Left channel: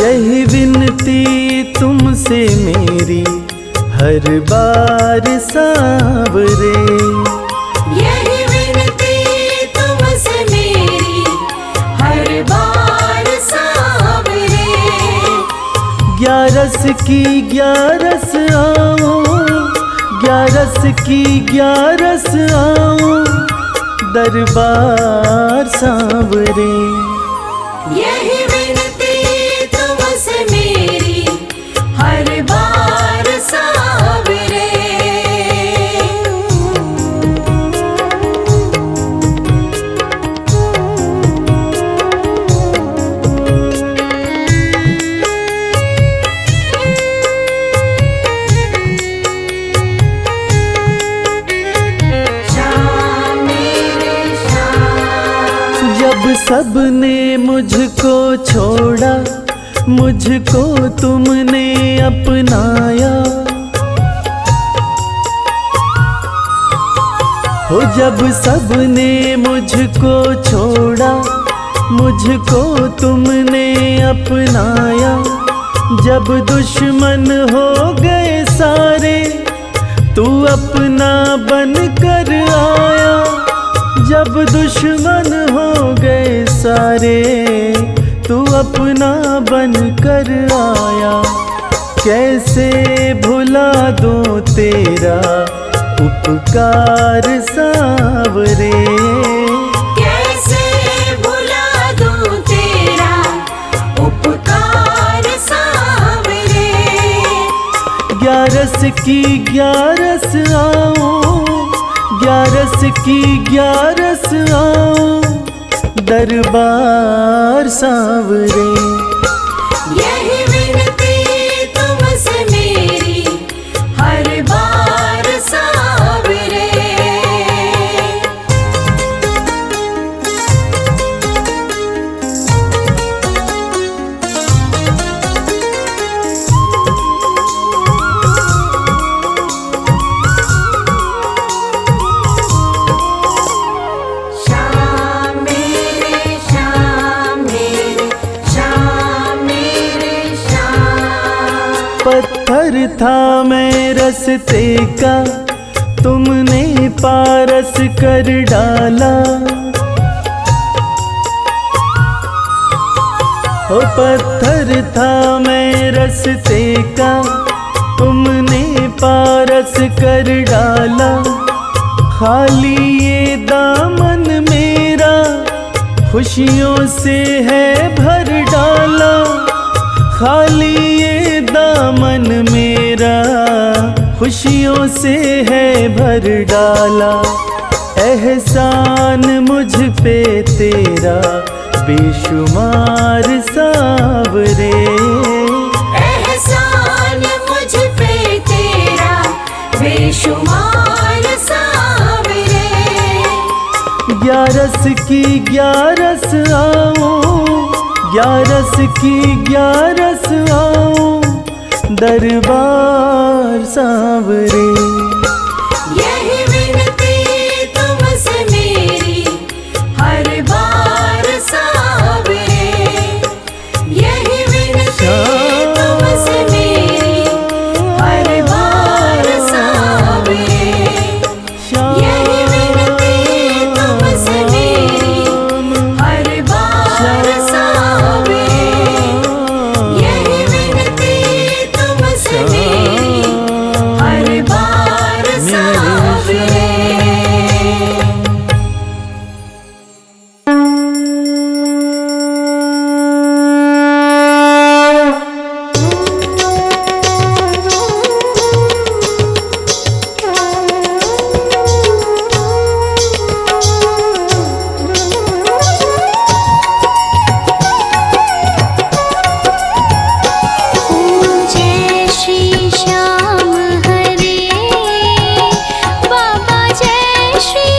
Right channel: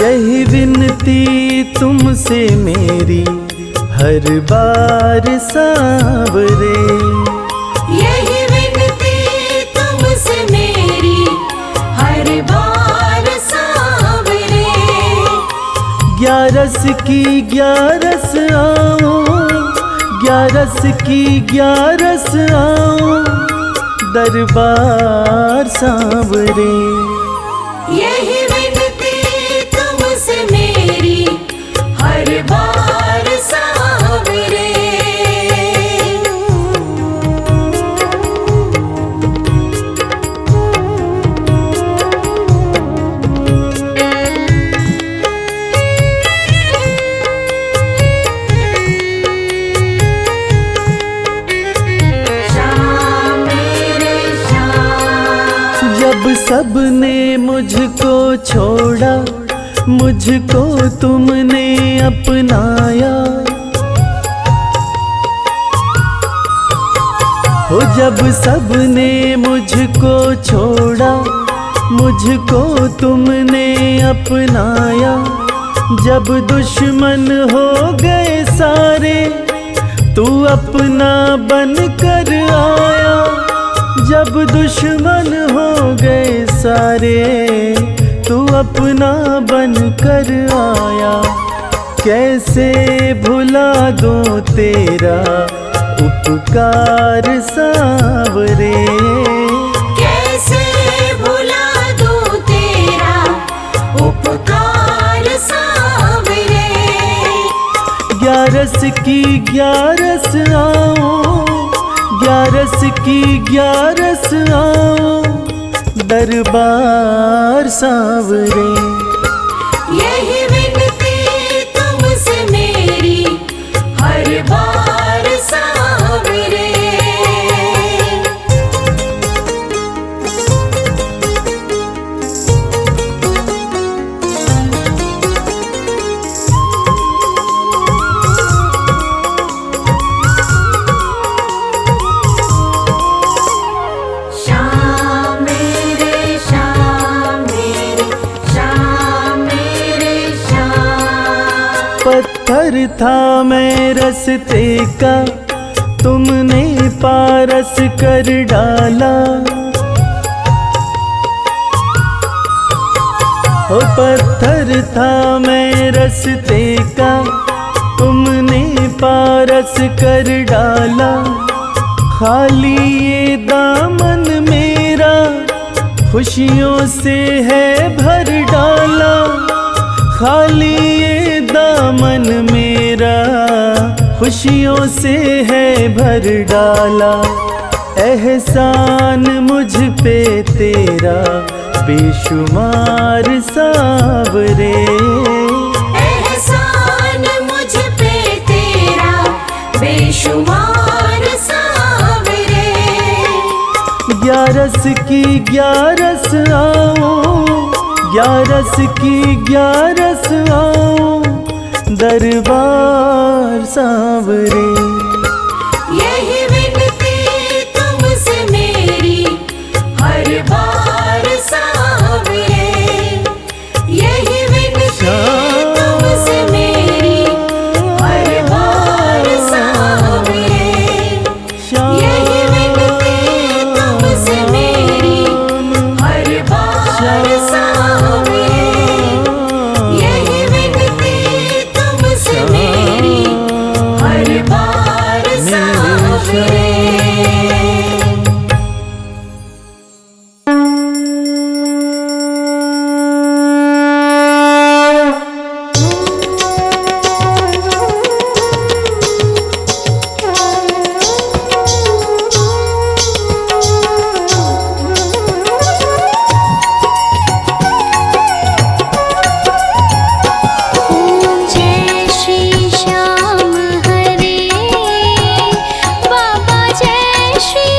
यही विनती तुमसे मेरी हर बार सांवरे, यही विनती तुमसे मेरी हर बार सांवरे। ग्यारस की ग्यारस आओ, ग्यारस की ग्यारस आओ, दरबार सांवरे। यही विनती तुमसे मेरी हर बार सांवरे। जब सबने मुझको छोड़ा, मुझको तुमने अपनाया। हो जब सबने मुझको छोड़ा, मुझको तुमने अपनाया। जब दुश्मन हो गए सारे, तू अपना बन कर आया। जब दुश्मन हो गए सारे, तू अपना बन कर आया। कैसे भुला दूं तेरा उपकार सांवरे, कैसे भुला दूं तेरा उपकार सांवरे। ग्यारस की ग्यारस आओ, ग्यारस की ग्यारस आओ, दरबार सांवरे। यही विनती तुमसे मेरी हर बार सांवरे। पत्थर था मैं रस्ते का, तुमने पारस कर डाला। ओ पत्थर था मैं रस्ते का, तुमने पारस कर डाला। खाली ये दामन मेरा खुशियों से है भर डाला। खाली ये दामन मेरा खुशियों से है भर डाला। एहसान मुझ पे तेरा बेशुमार सांवरे, एहसान मुझ पे तेरा बेशुमार सांवरे। ग्यारस की ग्यारस आओ, ग्यारस की ग्यारस आओ, दरबार सांवरे। यही विनती तुमसे मेरी हर बार सांवरे। यही विनती तुमसे मेरी हर बार सांवरे। यही विनती तुमसे मेरी हर बार सांवरे। यही विनती तुमसे मेरी हर बार सांवरे। जय श्री श्याम हरे, बाबा जय श्री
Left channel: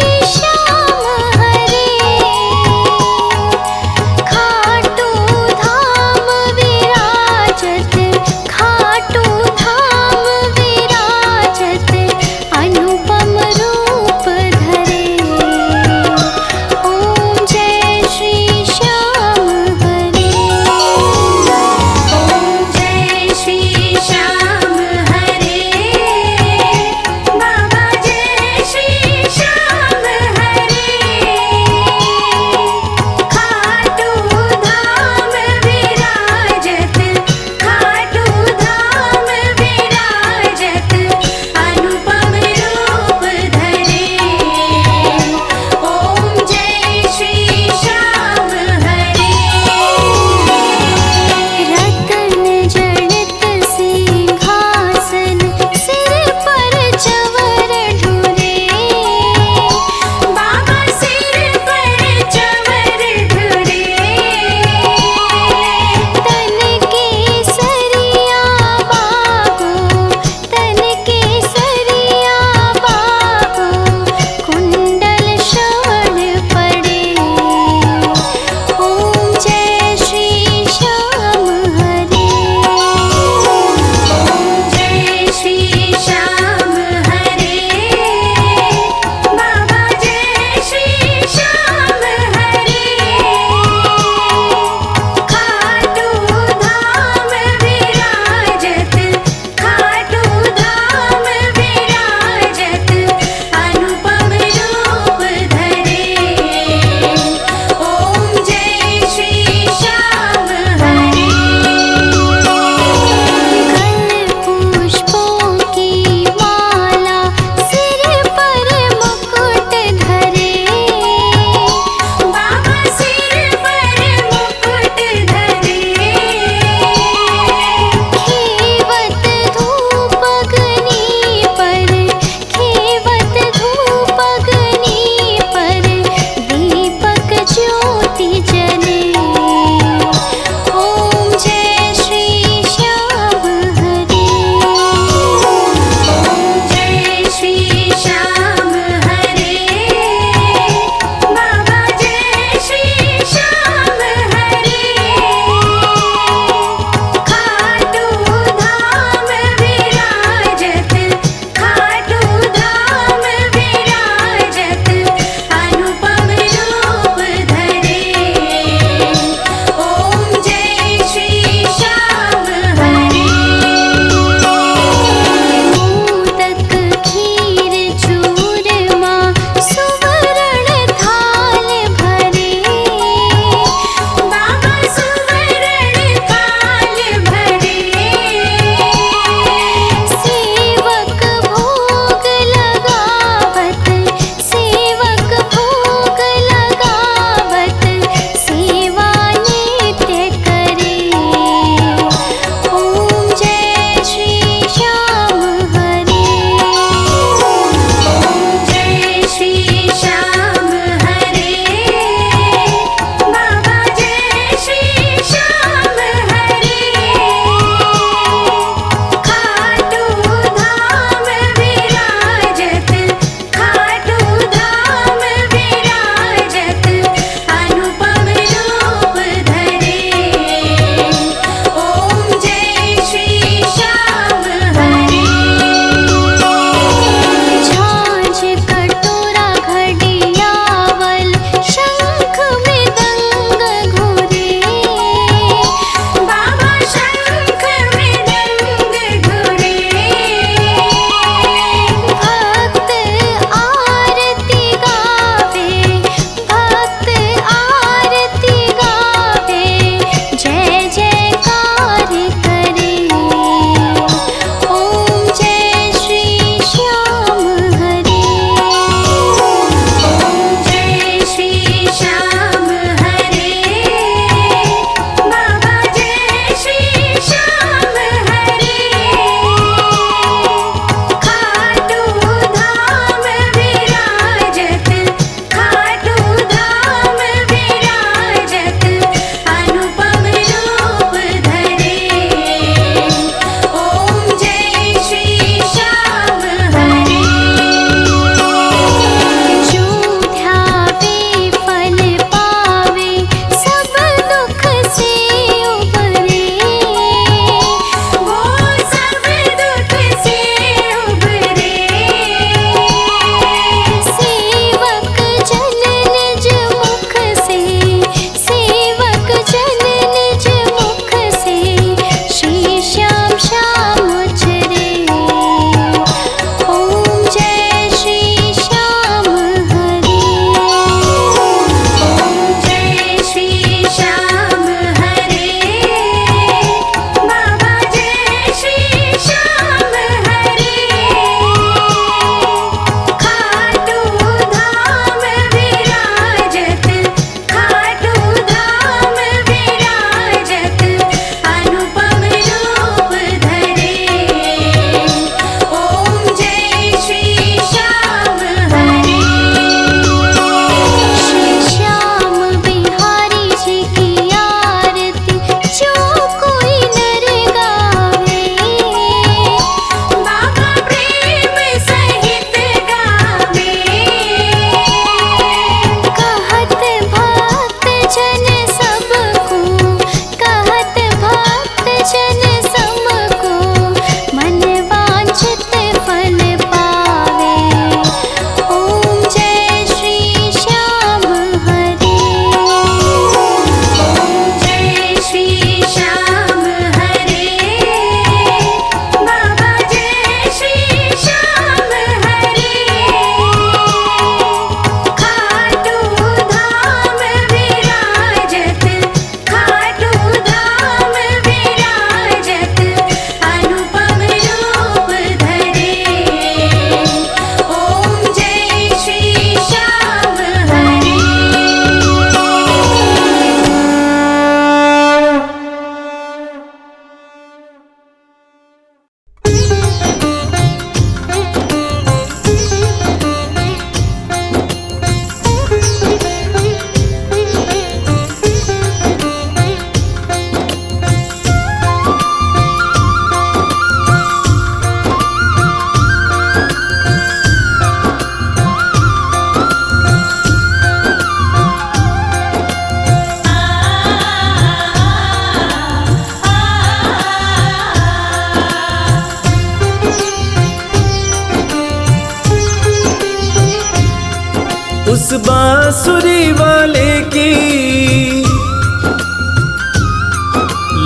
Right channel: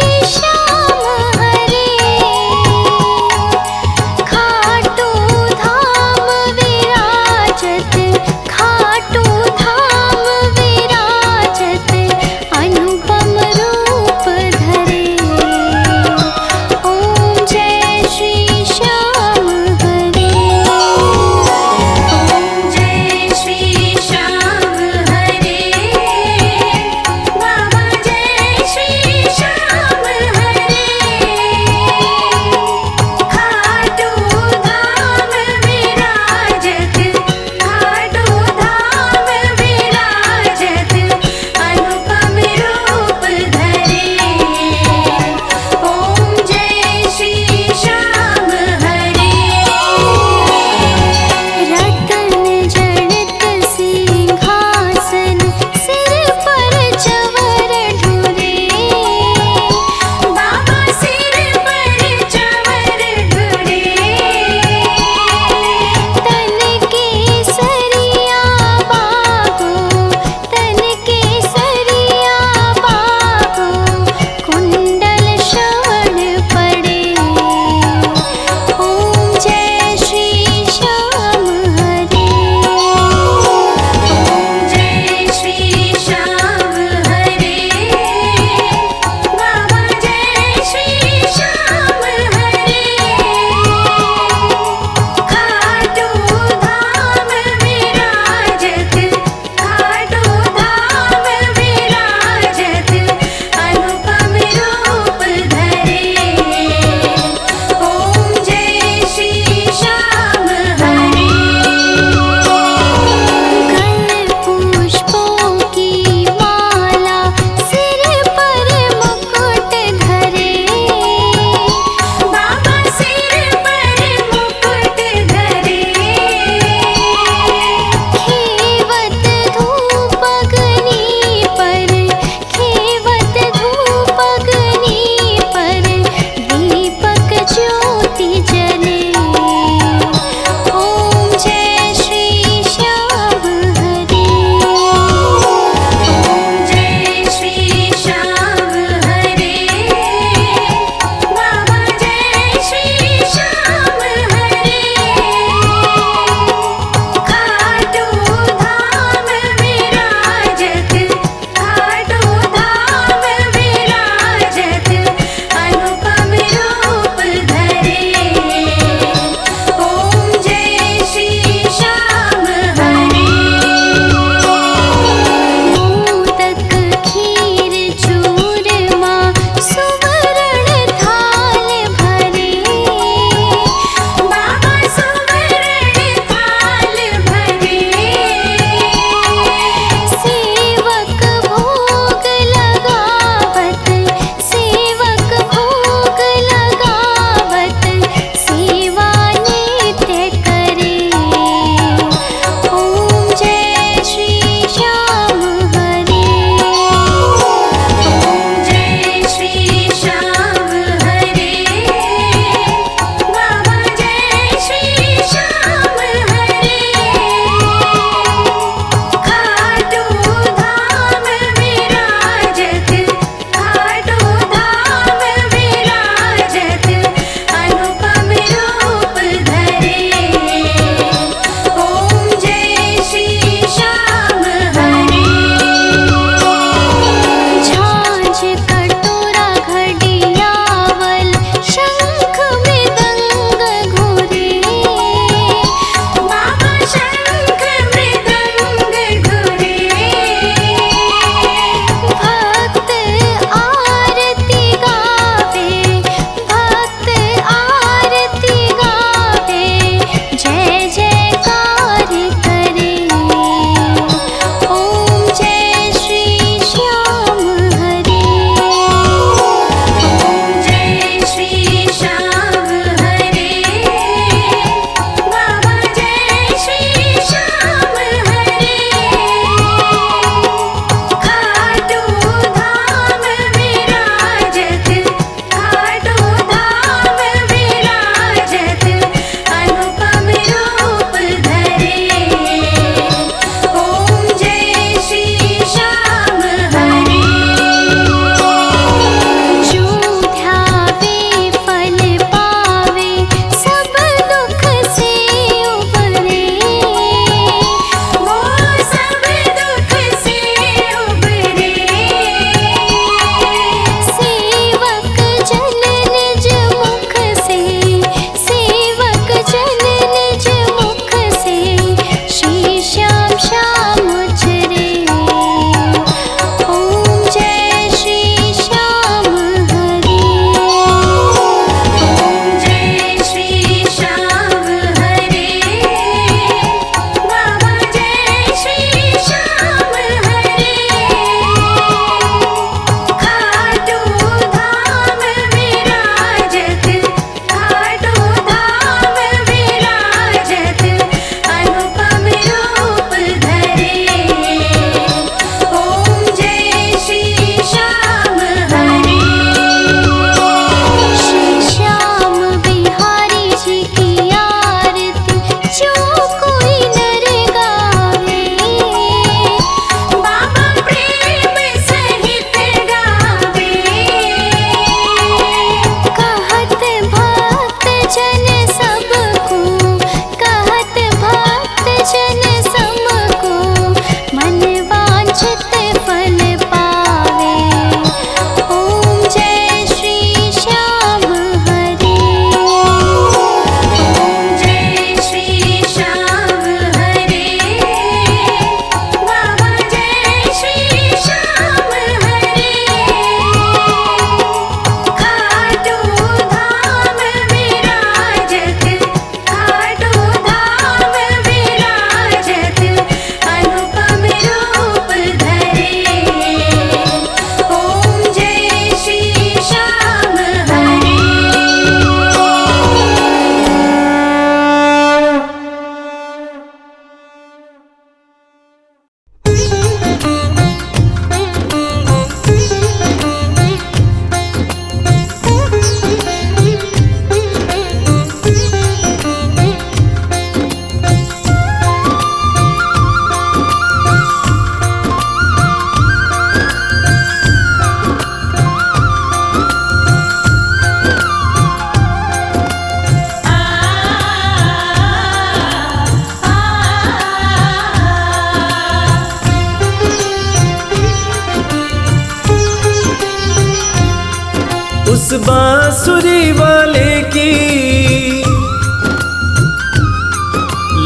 उस बांसुरी वाले की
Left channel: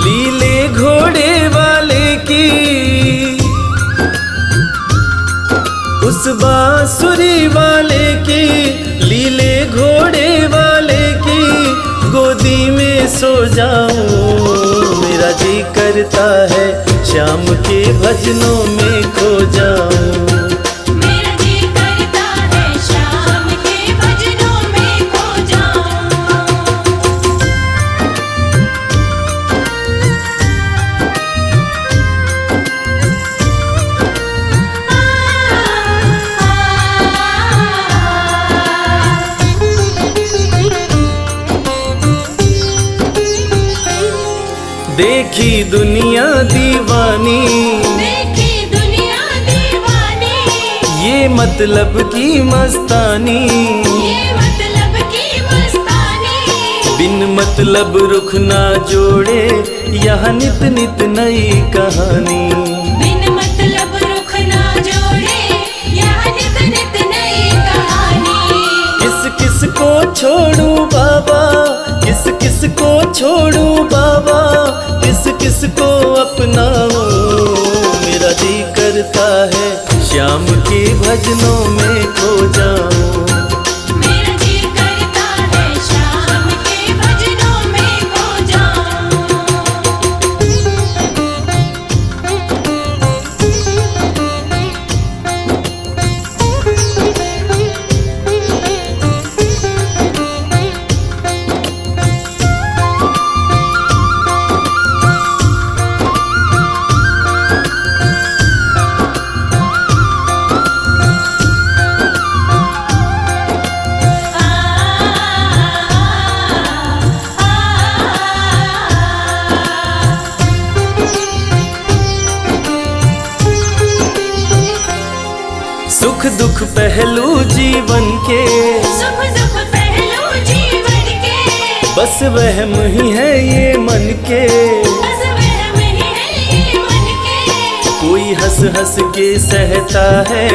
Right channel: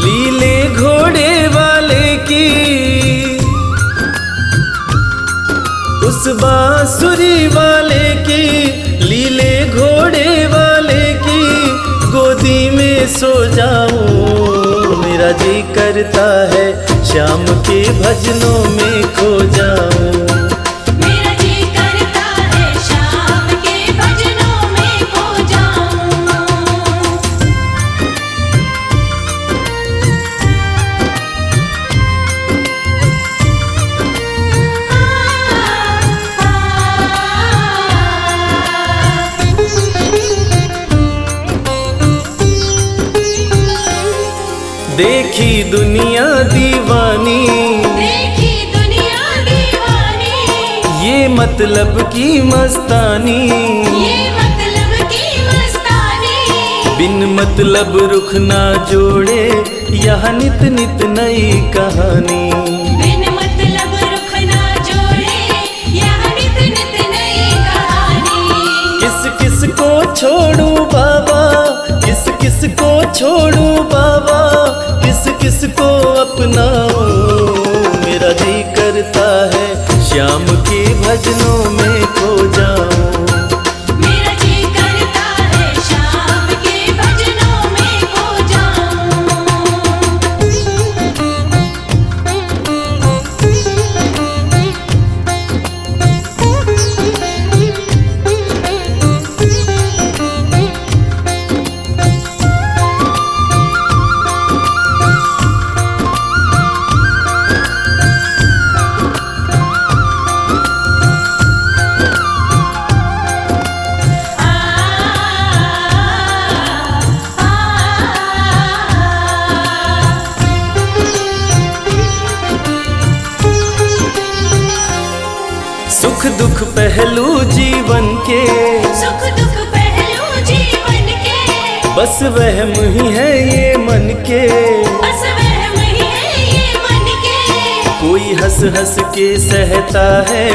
लीले घोड़े वाले की, उस बांसुरी वाले की लीले घोड़े वाले की गोदी में सो जाऊं। मेरा जी करता है श्याम के भजनों में खो जाऊं। मेरा जी करता है श्याम के भजनों में खो जाऊं। देखी दुनिया दीवानी, देखी दुनिया दीवानी, ये मतलब की मस्तानी, ये मतलब की मस्तानी। बिन मतलब रुख ना जोड़े यह नित नित नई कहानी। बिन मतलब रुख ना जोड़े यह नित नित नई कहानी। किस किस को छोड़ूं बाबा, किस किस को छोड़ूं बाबा, किस किस को अपनाऊं। मेरा जी करता है श्याम के भजनों में खो जाऊं। मेरा जी करता है श्याम के भजनों में खो सुख दुख पहलू जीवन के, सुख दुख पहलू जीवन के, बस वहम ही है ये मन के। बस वहम ही है ये मन के। कोई हंस हंस के सहता है,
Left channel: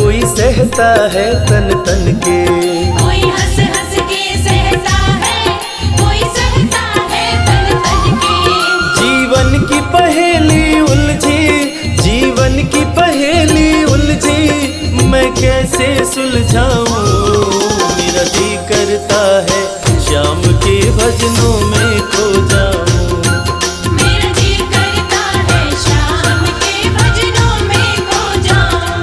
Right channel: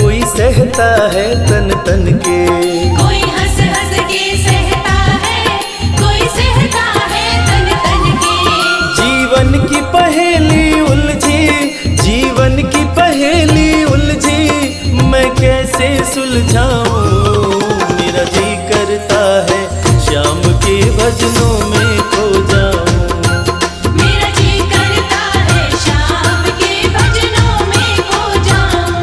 कोई सहता है तन तन के। कोई हंस हंस के सहता है, कोई सहता है तन तन के। जीवन की पहेली उलझी, जीवन की पहेली उलझी, मैं कैसे सुलझाऊं। मेरा जी करता है श्याम के भजनों में खो जाऊं। मेरा जी करता है श्याम के भजनों में खो जाऊं।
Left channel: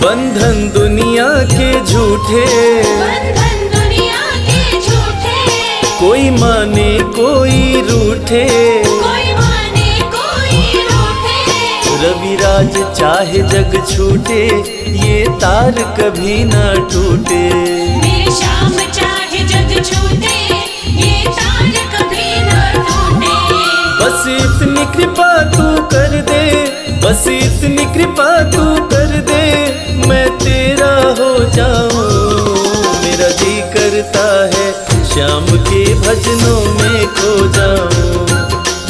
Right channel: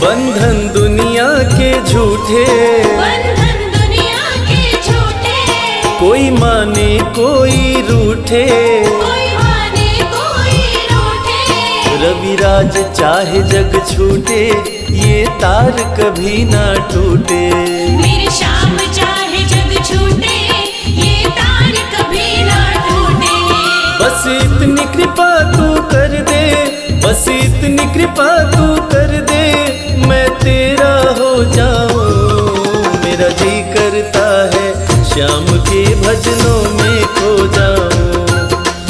बंधन दुनिया के झूठे, बंधन दुनिया के झूठे, कोई माने कोई रूठे। कोई माने कोई रूठे। रविराज चाहे जग छूटे, ये तार कभी ना टूटे। मेरे श्याम चाहे जग छूटे, ये तार कभी ना टूटे। बस इतनी कृपा तू कर दे, बस इतनी कृपा तू कर दे, मैं तेरा हो जाऊं। मेरा जी करता है श्याम के भजनों में खो जाऊं।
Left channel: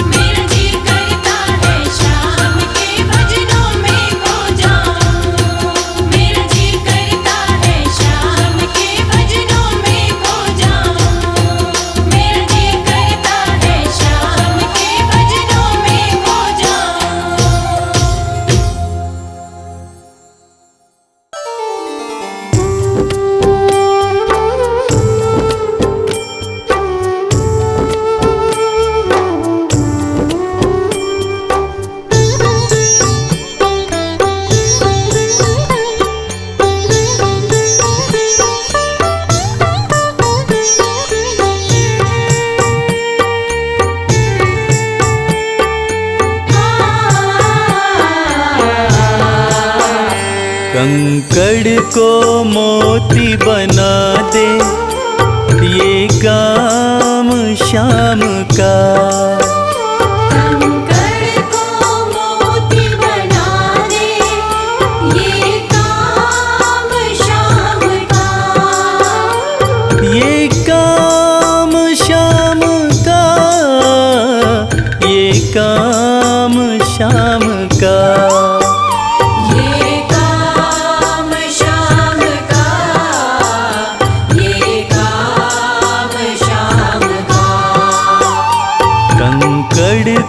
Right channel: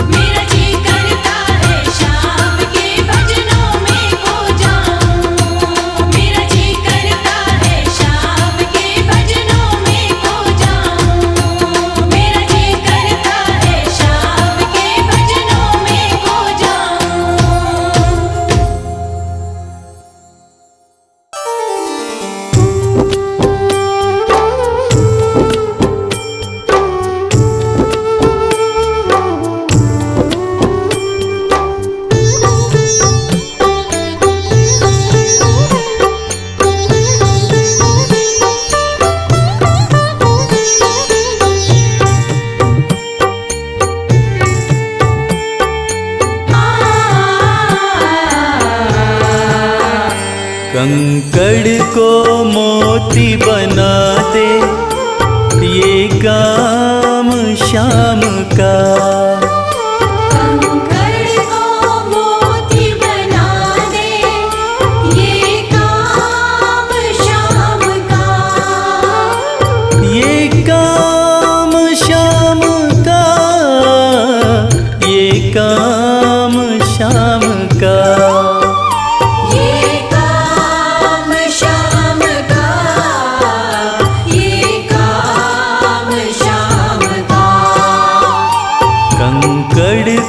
मेरा जी करता है श्याम के भजनों में खो जाऊं। मेरा जी करता है श्याम के भजनों में खो जाऊं। मेरा जी करता है श्याम के भजनों में खो जाऊं। कंकड़ को मोती बना दे, ये काम श्याम का। कंकड़ को मोती बना दे, ये काम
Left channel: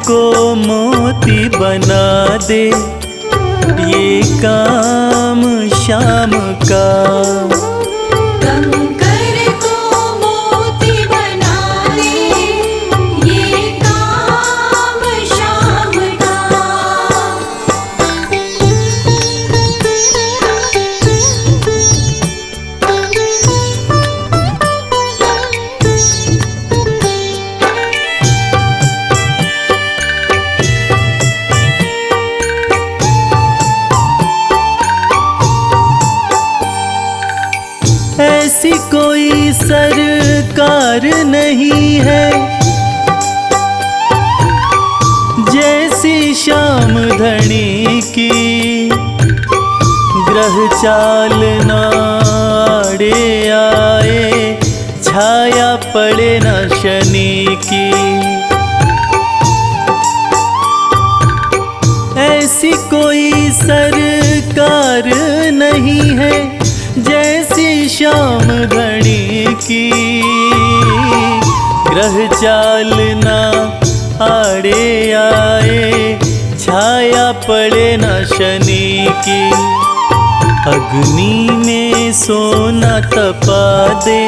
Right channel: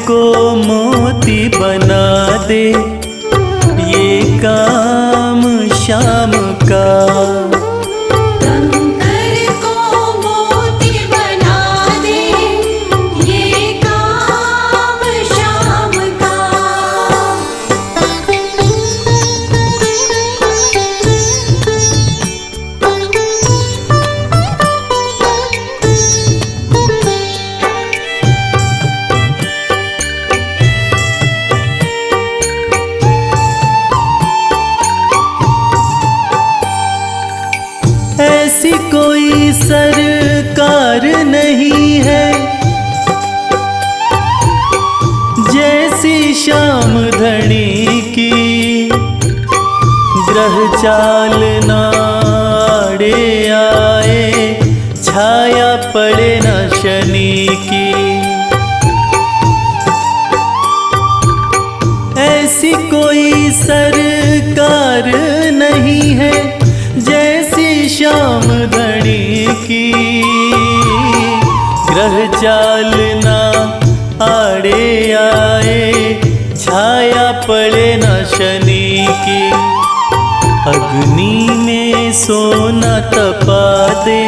को मोती बना दे, ये काम शाम का। कंकर को मोती बना दे, ये काम शाम का। ऐसी कोई सरकार नहीं है जैसी श्याम धनी की, ग्रह चाल नाड़े आए, छाया पड़े न शनि की। ऐसी कोई सरकार नहीं है जैसी श्याम धनी की, ग्रह चाल ना आड़े आए, छाया पड़े न शनि की। अग्नि में सोना तपा दे,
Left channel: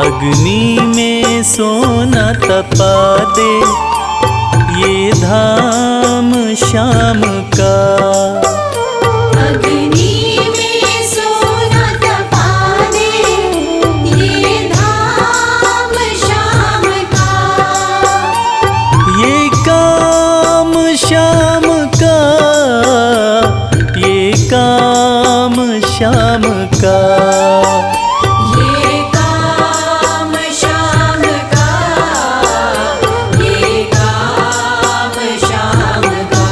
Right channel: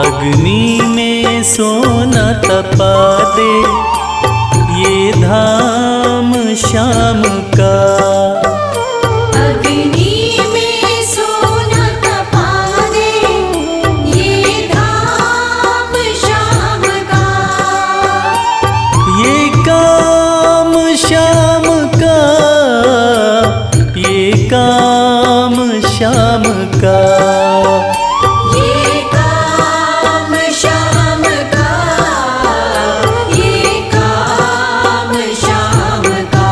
अग्नि में सोना तपा दे, ये धाम शाम का। अग्नि में सोना तपा दे, ये धाम शाम का। ये काम शाम का, ये काम शाम का। ये काम शाम का, ये काम शाम का।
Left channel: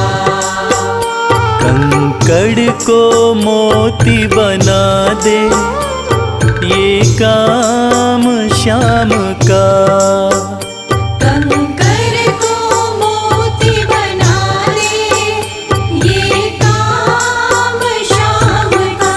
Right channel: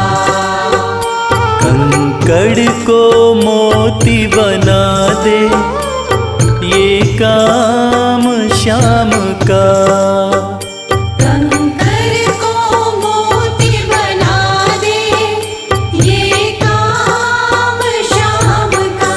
कंकड़ को मोती बना दे, ये काम शाम का। कंकर को मोती बना दे, ये काम शाम का।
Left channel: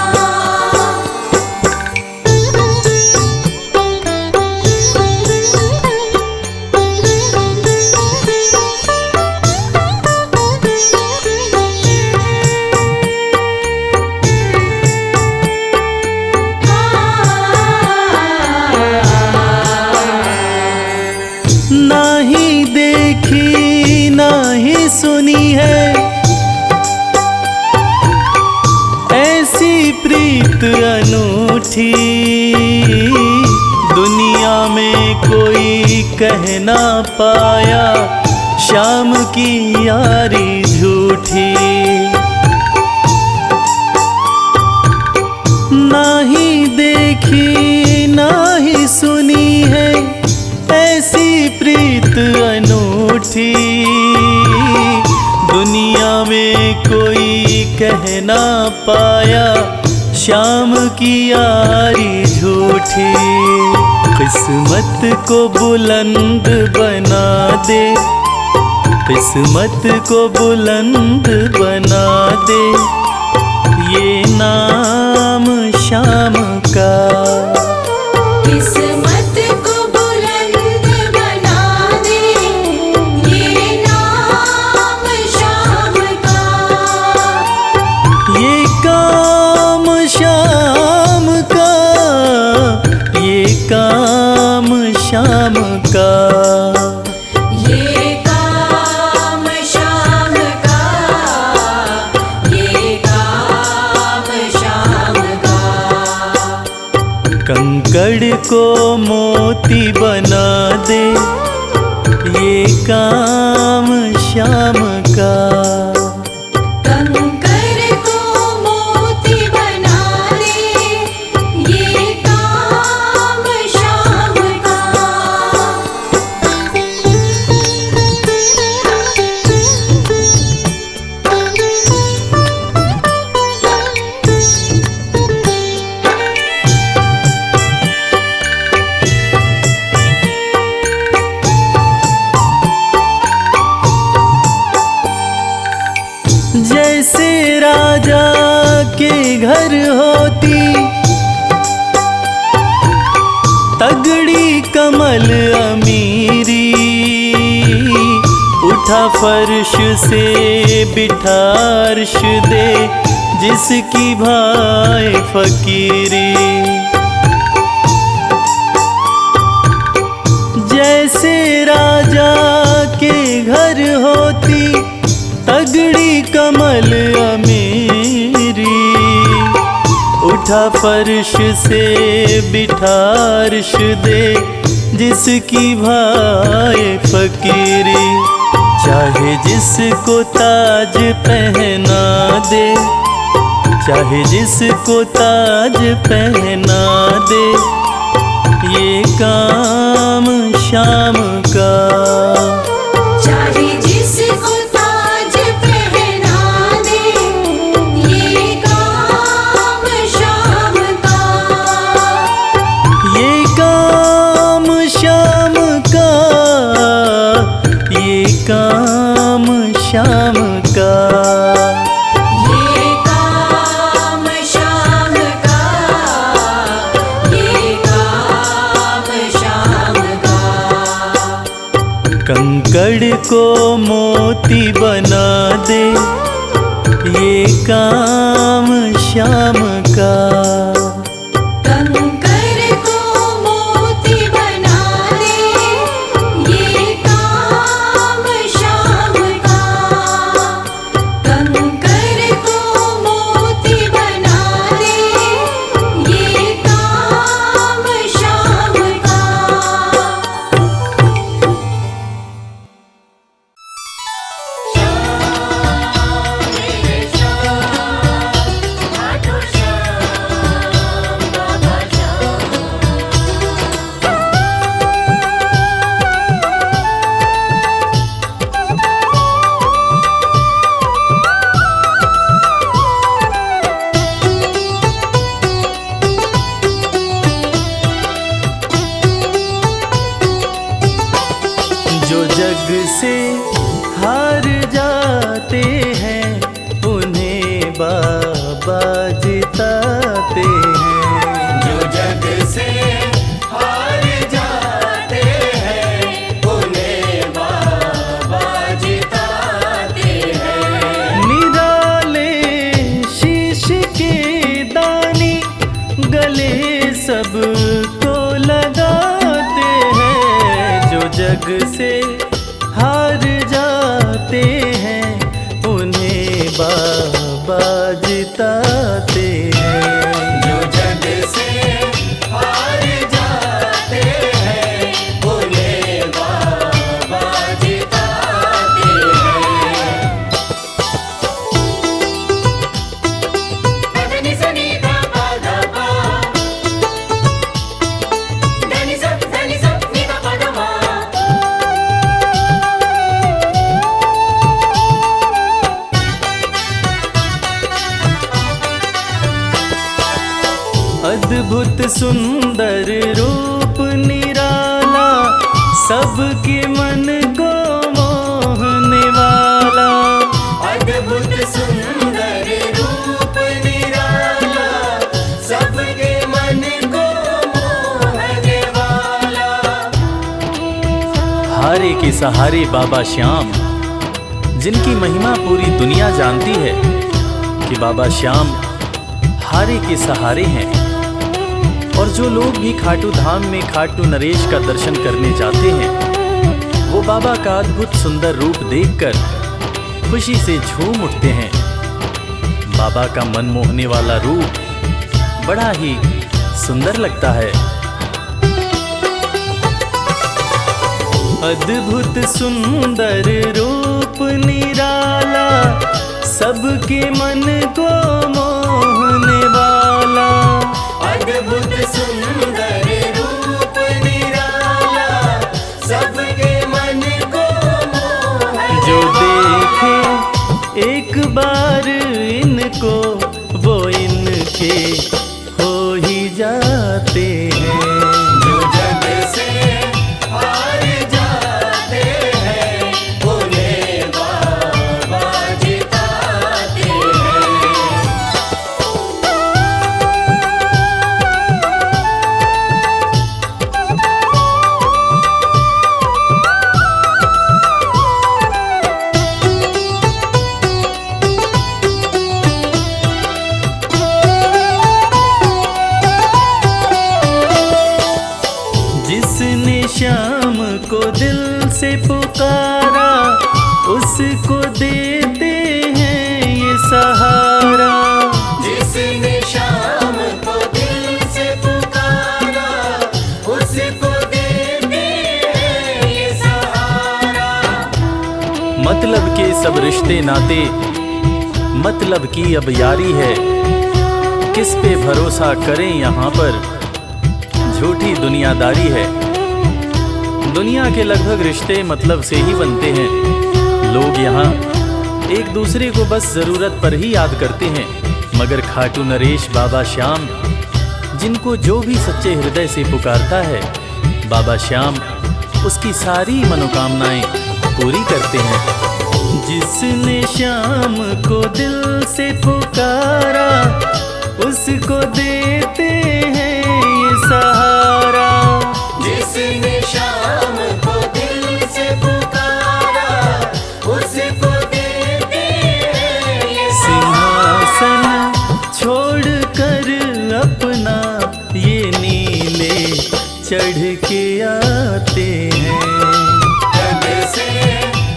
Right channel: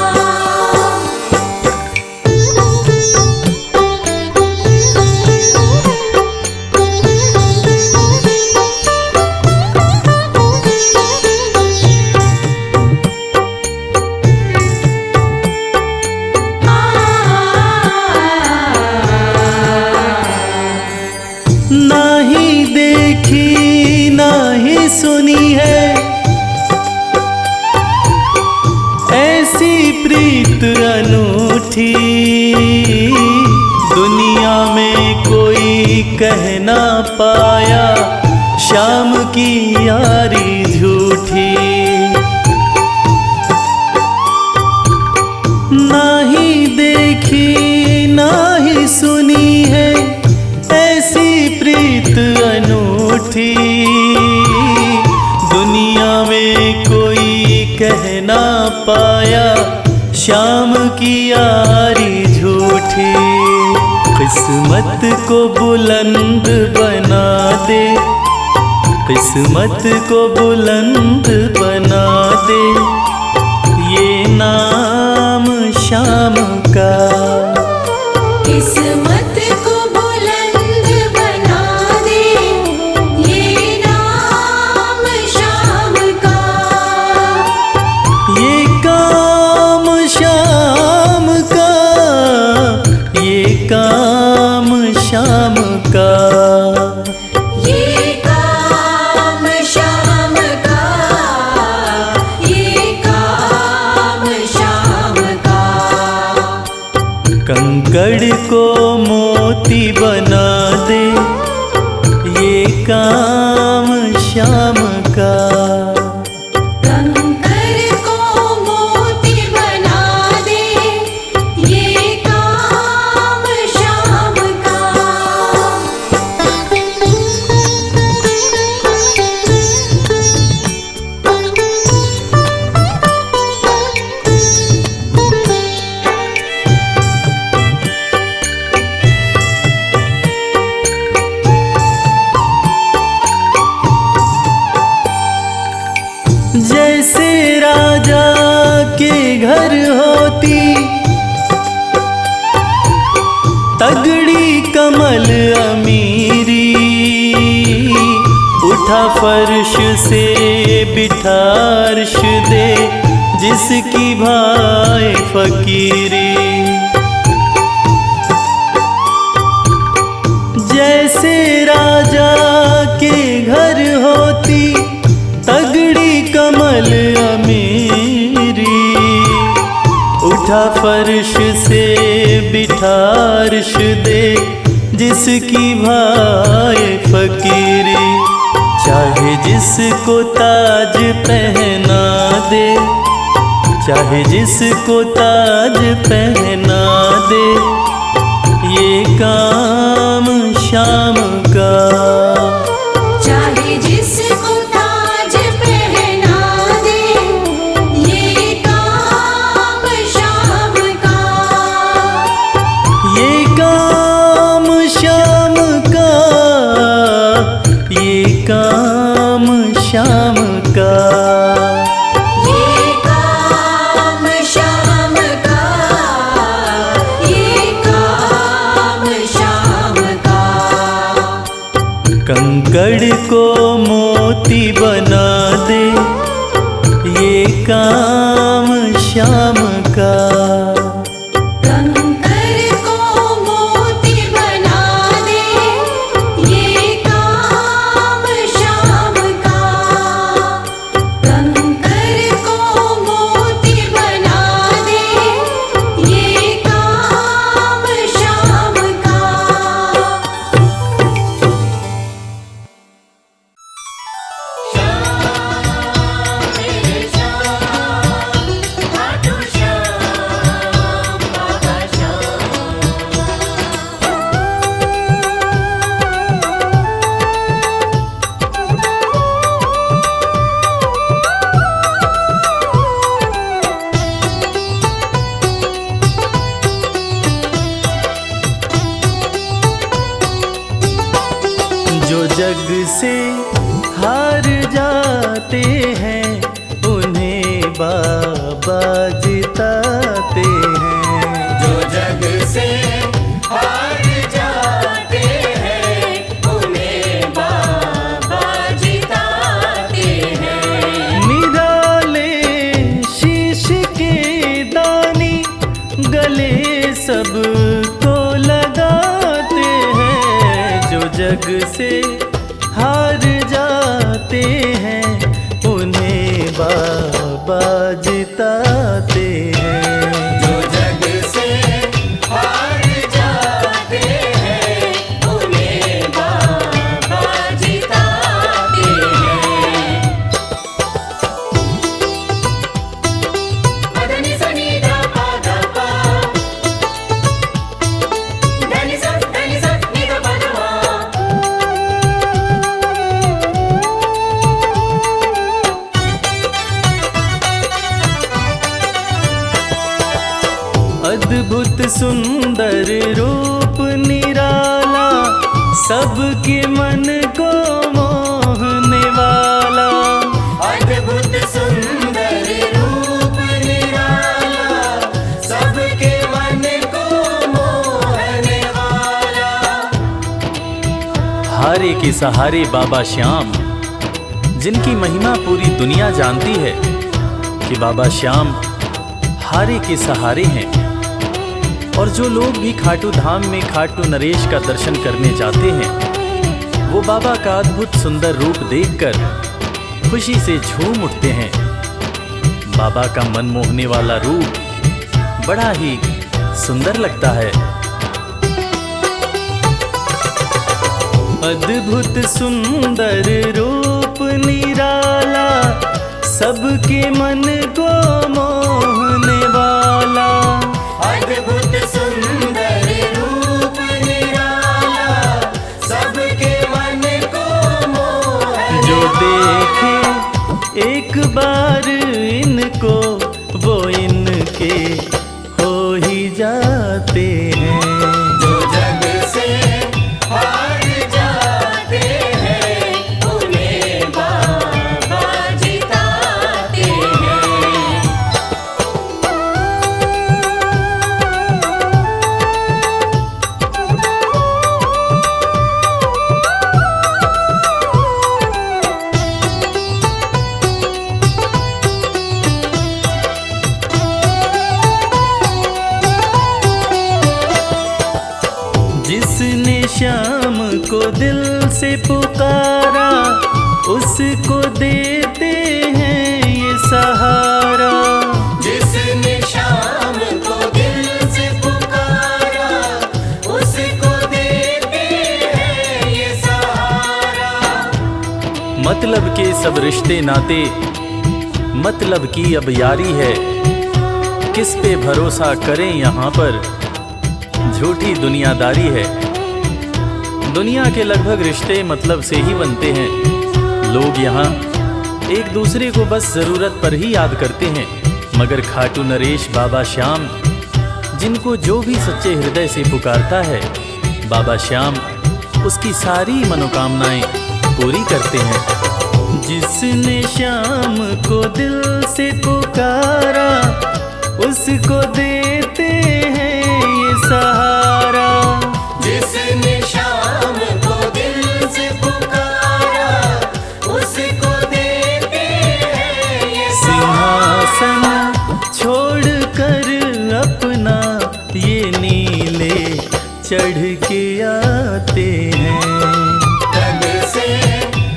नाही देखी नाही सुनी है ऐसी प्रीत अनूठी, दुनिया में कोई कह ना पाया शाम की यारी झूठी। नाही देखी नाही सुनी है ऐसी प्रीत अनूठी, दुनिया में कोई कह ना पाया शाम की यारी झूठी। किस्मत को बुलंद बना दे, किस्मत को बुलंद बना दे, ये नाम शाम का। किस्मत को बुलंद बना दे, ये नाम शाम का। ये काम शाम का, ये काम शाम का। ये काम शाम का, ये काम शाम का। कंकड़ को मोती बना दे, ये काम शाम का। कंकर को मोती बना दे, ये काम शाम का। जैसे राजा के घर होती तगड़ी कमल अमीरी, उठ उठा फर्श से बिठा अर्श दे, जिसकी भाई फकीरी। जैसे राजा के घर होती तगड़ी कमल अमीरी, उठा फर्श से बिठा अर्श दे, जिसकी भाई फकीरी। चाहे जिसको ताज पहना दे, चाहे जिसको ताज पहना दे, ये काम शाम का। चाहे जिसको ताज पहना दे, ये काम शाम का। ये काम शाम का, ये काम शाम का। ये काम शाम का, ये काम शाम का। कंकड़ को मोती बना दे, ये काम शाम का। कंकर को मोती बना दे, ये काम शाम का। कंकर को मोती बना दे, ये काम शाम का। जो जग से हार जाते हैं, उन्हें बाबा जिताते हैं। जो जग से हार जाते हैं, उन्हें बाबा जिताते हैं। निराले शीश के दानी गले सबको लगाते हैं। जो जग से हार जाते हैं, उन्हें बाबा जिताते हैं। जो जग से हार जाते हैं, उन्हें बाबा जिताते हैं। पदनि सनि धा पा धा पा, धनि सा नि धा पा धा मा। अद्भुत सुंदर रूप निराला, सबके मन को मोहने वाला। अद्भुत सुंदर रूप निराला, सबके मन को मोहने वाला। हारे के सहारे बाबा श्याम, जिनकी महिमा पूरी दुनिया जानती है कि बाबा श्याम हारे के सहारे हैं। और जो लोग भी खाटू धाम में खाटू नरेश का दर्शन करने जाते हैं, वो बाबा का अद्भुत सुंदर रूप देखकर खुशी से झूम उठते हैं। बाबा का मन मोहने वाला रूप बड़ा ही सुंदर लगता है। अद्भुत सुंदर रूप निराला, सबके मन को मोहने वाला। अद्भुत सुंदर रूप निराला, सबके मन को मोहने। जो देखे एक बार इनको, वो इनके हो ही जाते हैं। जो जग से हार जाते हैं, उन्हें बाबा जिताते हैं। जिसको दिल से पुकारा उसको देते हैं ये सहारा। जिसने शाम को दिल से पुकारा उसको देते हैं ये सहारा। मतलब के सब रिश्ते नाते, मतलब की अब यारी है, किस पे भरोसा करें यहाँ पर, झूठी दुनियादारी है। दुनिया के लगभग रिश्ते मतलब से ही बनते हैं। लोग यहाँ एक दूसरे को बस ज़रूरत पर ही याद करते हैं, मगर खाटू नरेश बाबा श्याम जिनको जो भी सच्चे हृदय से पुकारता है, बाबा श्याम उसकी सारी मनोकामनाएं पूरी करते हैं। जिसने श्याम को दिल से पुकारा उसको देते हैं ये सहारा। जिसने शाम को दिल से पुकारा उसको देते हैं ये सिंहासन छोड़कर अपना ये नीले चढ़ के आते हैं। जग से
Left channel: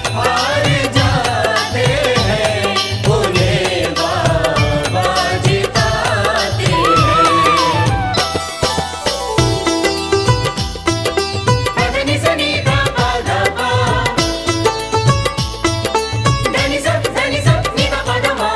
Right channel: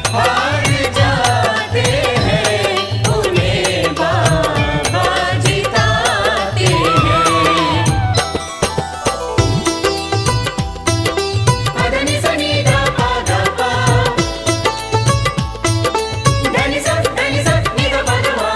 हार जाते हैं उन्हें बाबा जिताते हैं। पदनी सनी दा पा दा पा, धनी सब नी दा पा दा मा।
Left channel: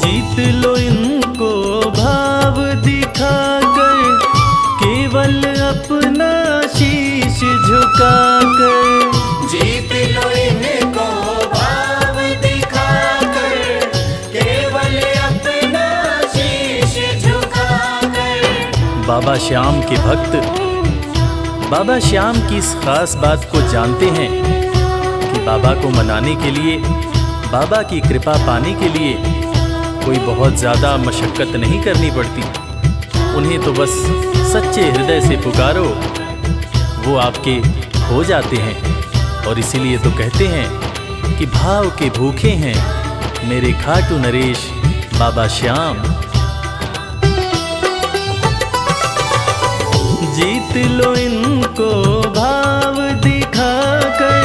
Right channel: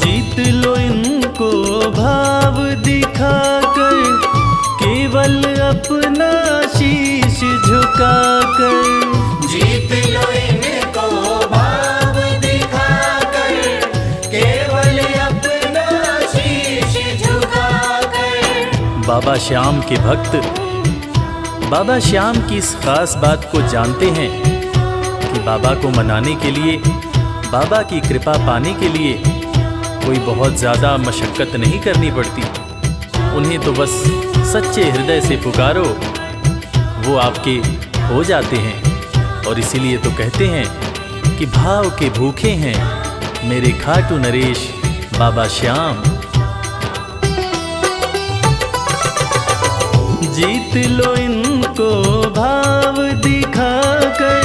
जीत लो इनको भाव दिखाकर, केवल अपना शीश झुकाकर। जीत लो इनको भाव दिखाकर, केवल अपना शीश झुकाकर। बाबा श्याम के भक्त बाबा श्याम की इस खास बात को जानते हैं कि बाबा को मनाने के लिए, बाबा की कृपा पाने के लिए कोई बहुत ज़्यादा मशक्क़त नहीं करनी पड़ती। उन्हें तो बस सच्चे हृदय से पुकारो, वो आपके हो जाते हैं। और इसीलिए तो कहते हैं कि भाव के भूखे हैं मेरे खाटू नरेश बाबा श्याम। जीत लो इनको भाव दिखाकर,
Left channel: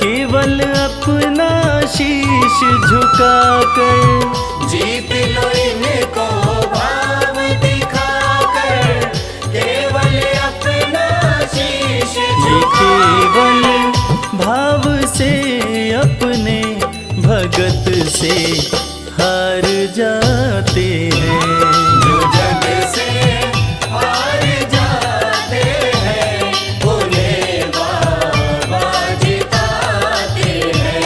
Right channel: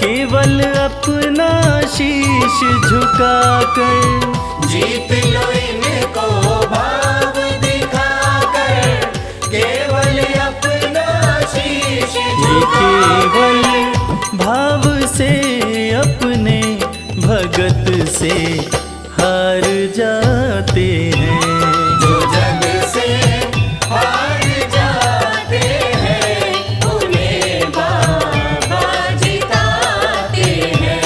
केवल अपना शीश झुकाकर। जीत लो इनको भाव दिखाकर, केवल अपना शीश ये केवल भाव से अपने भगत से हार जाते हैं। जग से हार जाते हैं उन्हें बाबा जिताते हैं।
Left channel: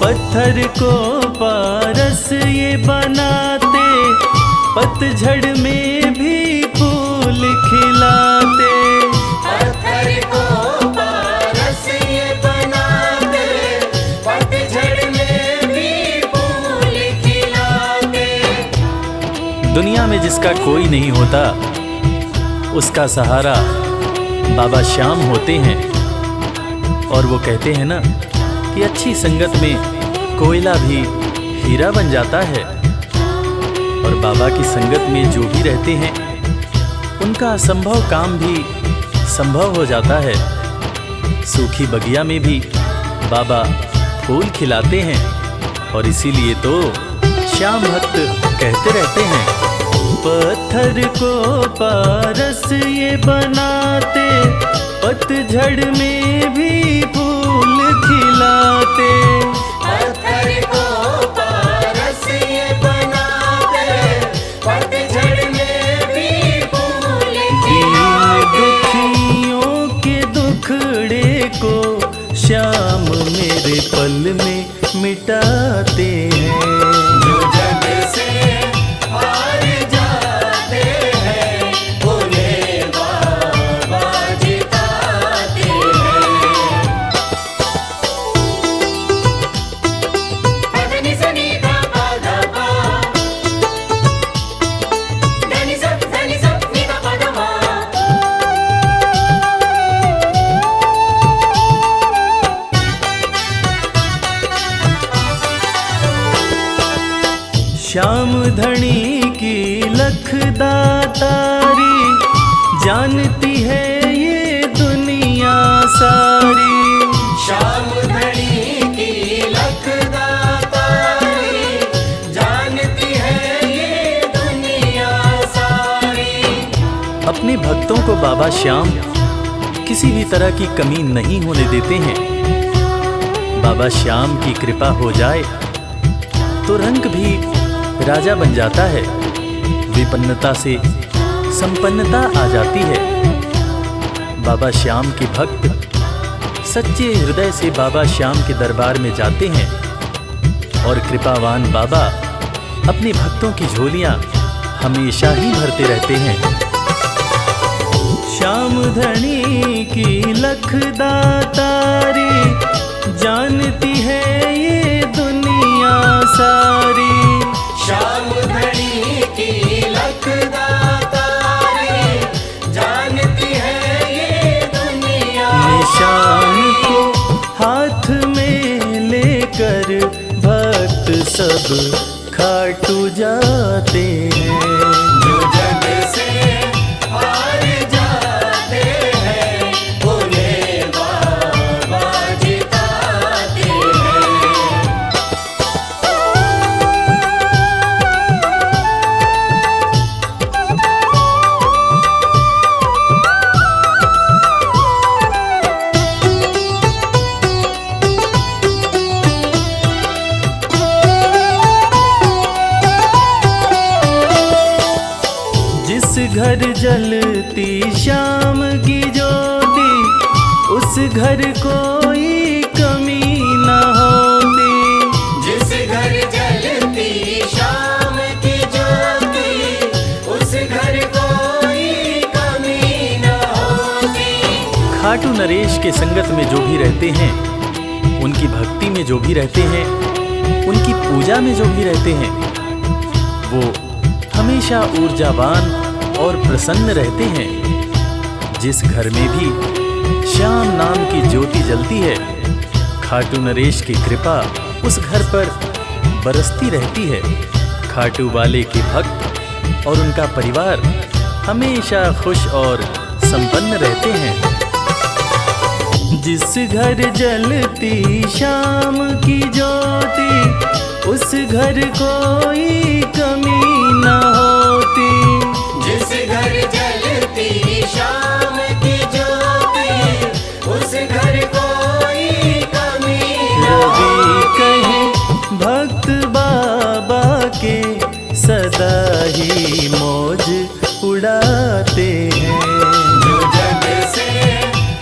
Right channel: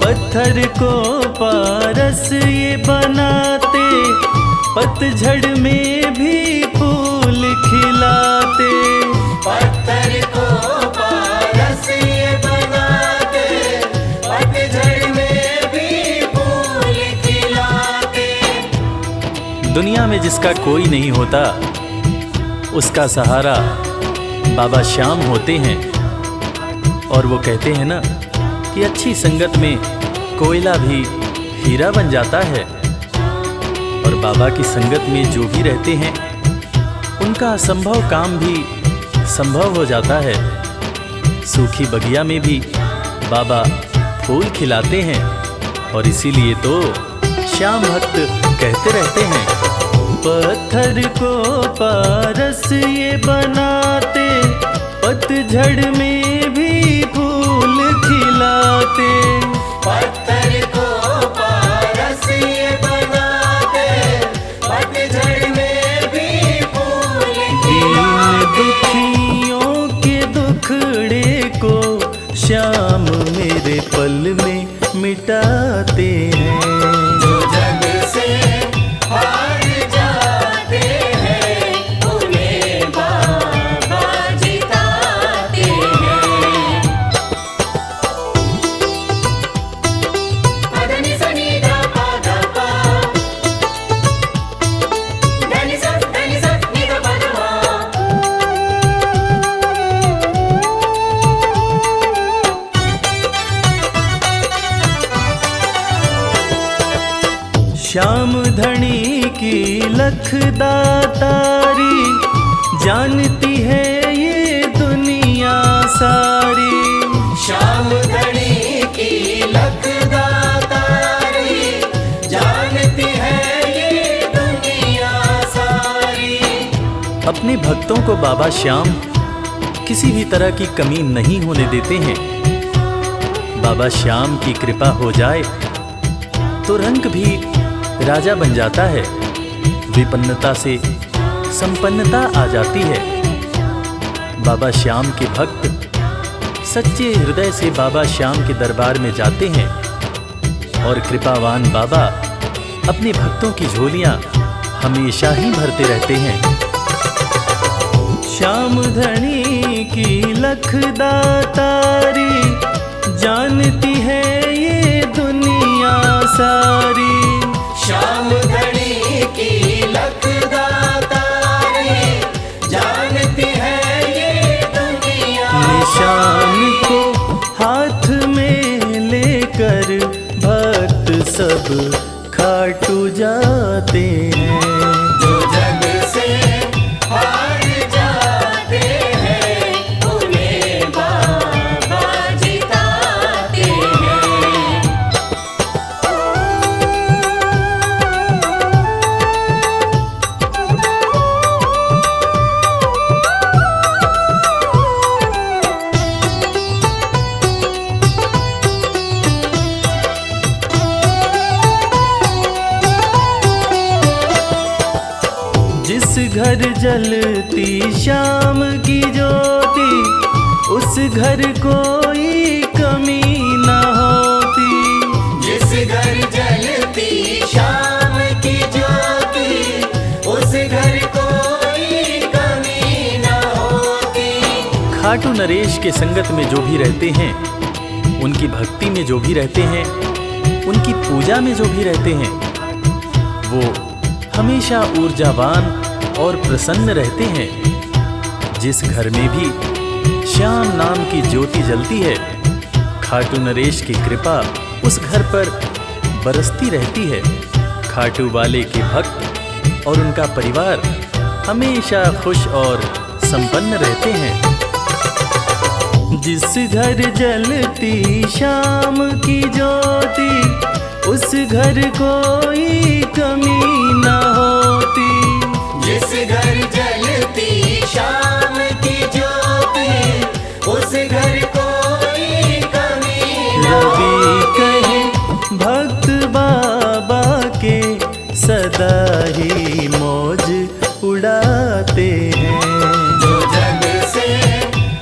पत्थर को पारस ये बनाते, पतझड़ में भी फूल खिलाते। पत्थर को पारस ये बनाते, पतझड़ में भी फूल खिलाते। दुनिया में जिसका कोई नहीं होता उसका सहारा बाबा श्याम होते हैं। और वो कहते हैं ना कि अच्छी संगत में कोयला भी हीरा बन जाता है। और बाबा की संगत में जो भी रहते हैं उनका असंभव काम भी संभव हो जाता है। सूखी बगिया में भी बाबा फूल खिलाते हैं। और इसीलिए तो श्याम भक्त कहते रहते हैं, पत्थर को पारस ये बनाते, पतझड़ में भी फूल खिलाते। पत्थर को पारस ये बनाते, पतझड़ में भी फूल दीन दुखियों के दुखड़े को श्याम मेरे पल में मिटाते हैं। जग से हार जाते हैं उन्हें बाबा जिताते श्याम धनी की लखदातारी, जानती है ये दुनिया सारी। श्याम धनी की लखदातारी, जानती है ये दुनिया सारी। अपने भक्तों को बाबा श्याम किसी भी तरह की कमी नहीं होने देते हैं। बाबा श्याम की कृपा हो जाए तो रंग भी राजा बन जाता है, विपन्नता से संपन्नता आ जाती है। बाबा श्याम के भक्त सच्चे हृदय से बाबा श्याम के दरबार में जाते हैं और कृपावान बाबा अपने भक्तों की झोलियां हमेशा ही भरते रहते हैं। श्याम धनी की लखदातारी, जानती है ये दुनिया सारी। श्याम धनी की लखदातारी, जानती है ये दुनिया। निशान को हाथ में लेकर भक्त सब खाटू जाते हैं। जो जग से हार जाते हैं, उन्हें बाबा जिताते हैं। जिस घर जलती श्याम की ज्योति, उस घर कोई कमी न होती। जिस घर जलती श्याम की ज्योति, उस घर कोई कमी न होती। खाटू नरेश के संगत में जो भी रहते हैं, उनकी भक्ति में जो भी रहते हैं, उनकी पूजा में जो भी रहते हैं, वो हमेशा ऊर्जावान और प्रसन्न रहते हैं। जिस घर में भी श्याम नाम की ज्योति जलती है, खाटू नरेश की कृपा उस घर पर बरसती रहती है। खाटू वाले के भक्त और उनका परिवार हमेशा खुश और संपन्न रहते हैं। जिस घर जलती श्याम की ज्योति, उस घर कोई कमी न होती। जिस घर जलती श्याम की ज्योति, उस घर कोई कमी न रवि कहे भक्त बाबा के, सदा ही मौज उड़ाते हैं। जो जग से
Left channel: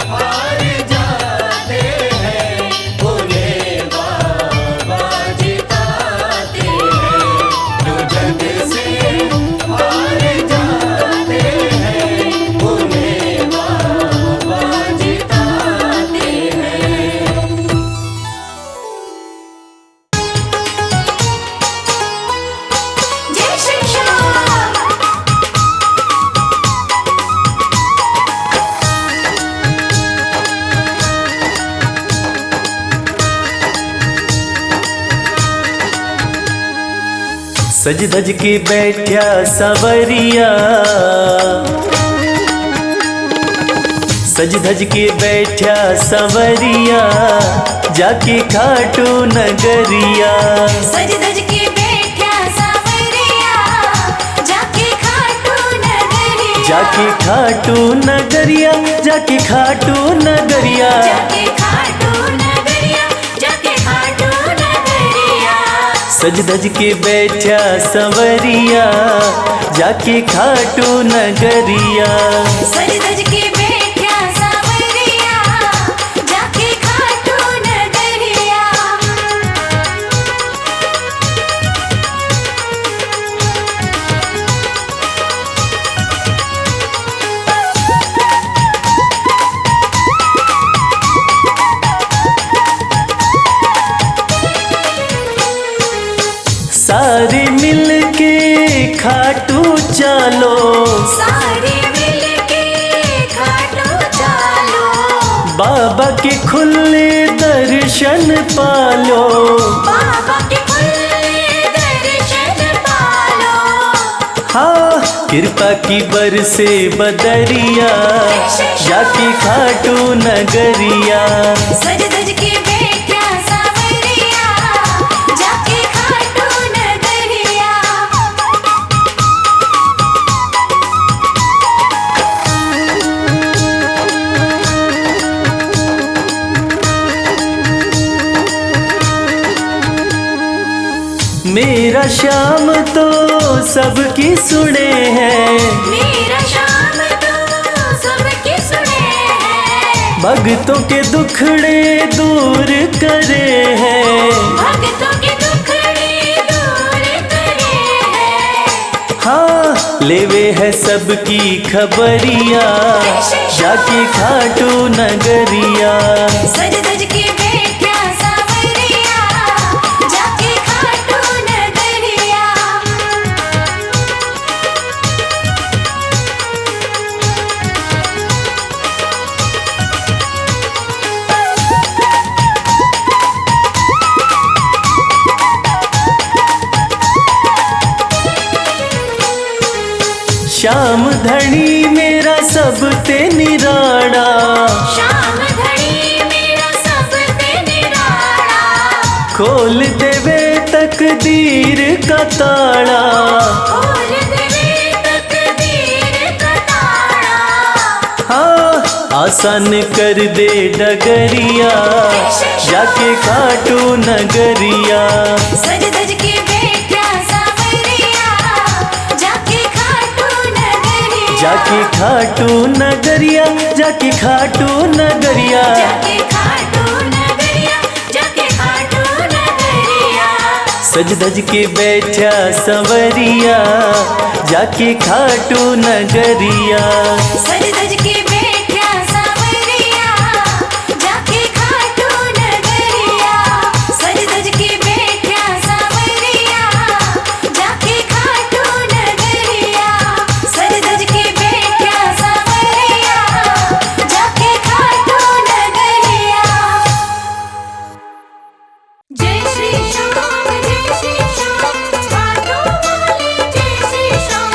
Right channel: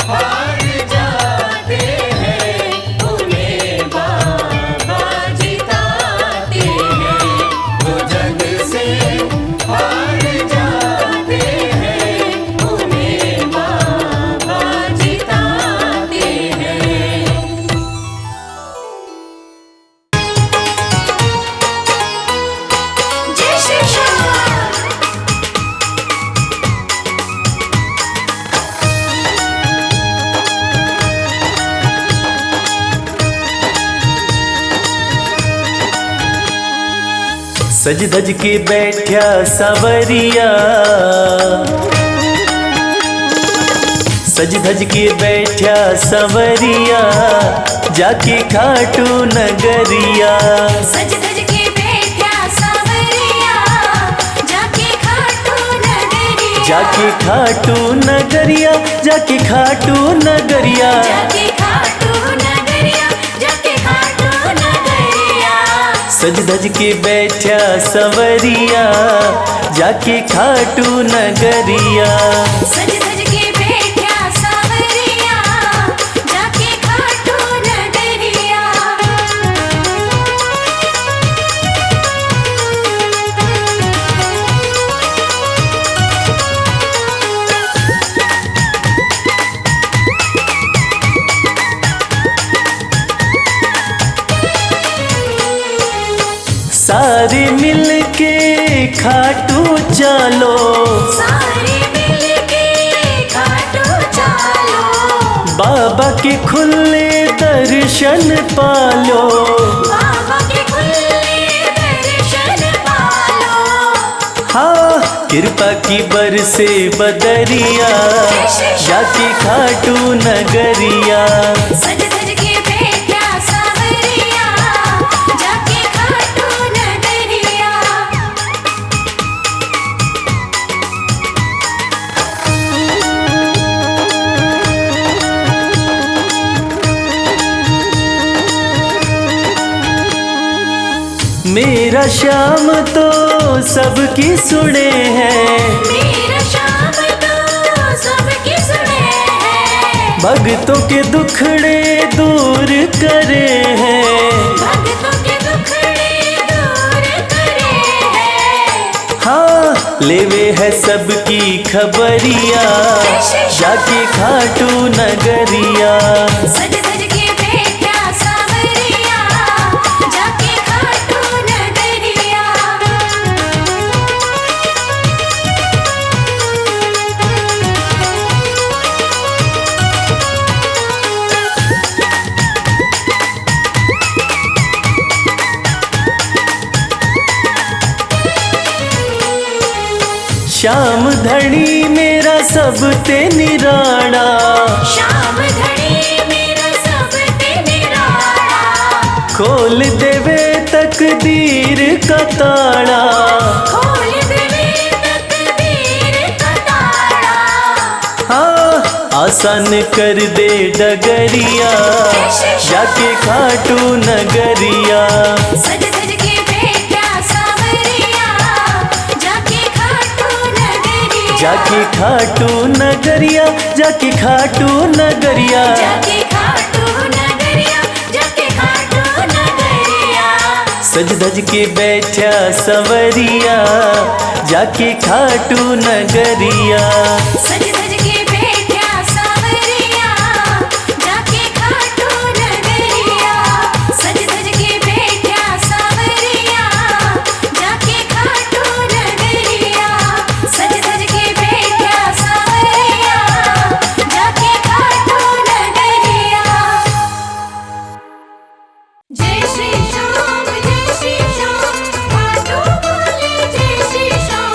हार जाते हैं, उन्हें बाबा जिताते हैं। जो जग से हार जाते हैं, उन्हें बाबा जिताते हैं। जय श्री श्याम। सज धज के बैठा सवरिया, सज धज के बैठा सवरिया, जाके खाटू नगरिया। सज धज के बैठा सांवरिया, जाके खाटू नगरिया। जाके खाटू नगरिया, जाके खाटू नगरिया। जाके खाटू नगरिया, जाके खाटू नगरिया। सज धज के बैठा सवरिया, जाके खाटू नगरिया। सज धज के बैठा सांवरिया, जाके खाटू नगरिया। सारे मिल के खाटू चलो, सारे मिलके खाटू चालो। बाबा के खुले दर्शन पालो। बाबा के खुले दर्शन कृपा की बरसे बदरिया जाके खाटू नगरिया। सज सज के बैठा सावरिया जाके खाटू नगरिया। मेरा श्याम तो सबकी सुने हैं, मेरा श्याम तो सबकी सुने हैं। भक्तों के दुखड़े दूर करे हैं। भक्तों के दुखड़े दूर करे हैं। हाँ लेवे है सबकी खबरिया जाके खाटू नगरिया। सज सज के बैठा सावरिया जाके खाटू नगरिया। श्याम धनी मेरा सब ते निराड़ा, श्याम धनी मेरा सब ते निराला। खोल देवे तकदीर का ताड़ा। खोल देवे तकदीर का ताला। हाँ आसान कर दे डगरिया जाके खाटू नगरिया। सज सज के बैठा सावरिया जाके खाटू नगरिया। जाके खाटू नगरिया, जाके खाटू नगरिया। जाके खाटू नगरिया जाके खाटू नगरिया। सज धज के बैठा संवरिया जाके खाटू नगरिया। सज सज के बैठा सावरिया जाके खाटू नगरिया। सज सज के बैठा सावरिया जाके खाटू नगरिया। सज सज के बैठा सावरिया जाके खाटू नगरिया। जय श्री श्याम खाटू वाले जय श्री श्याम।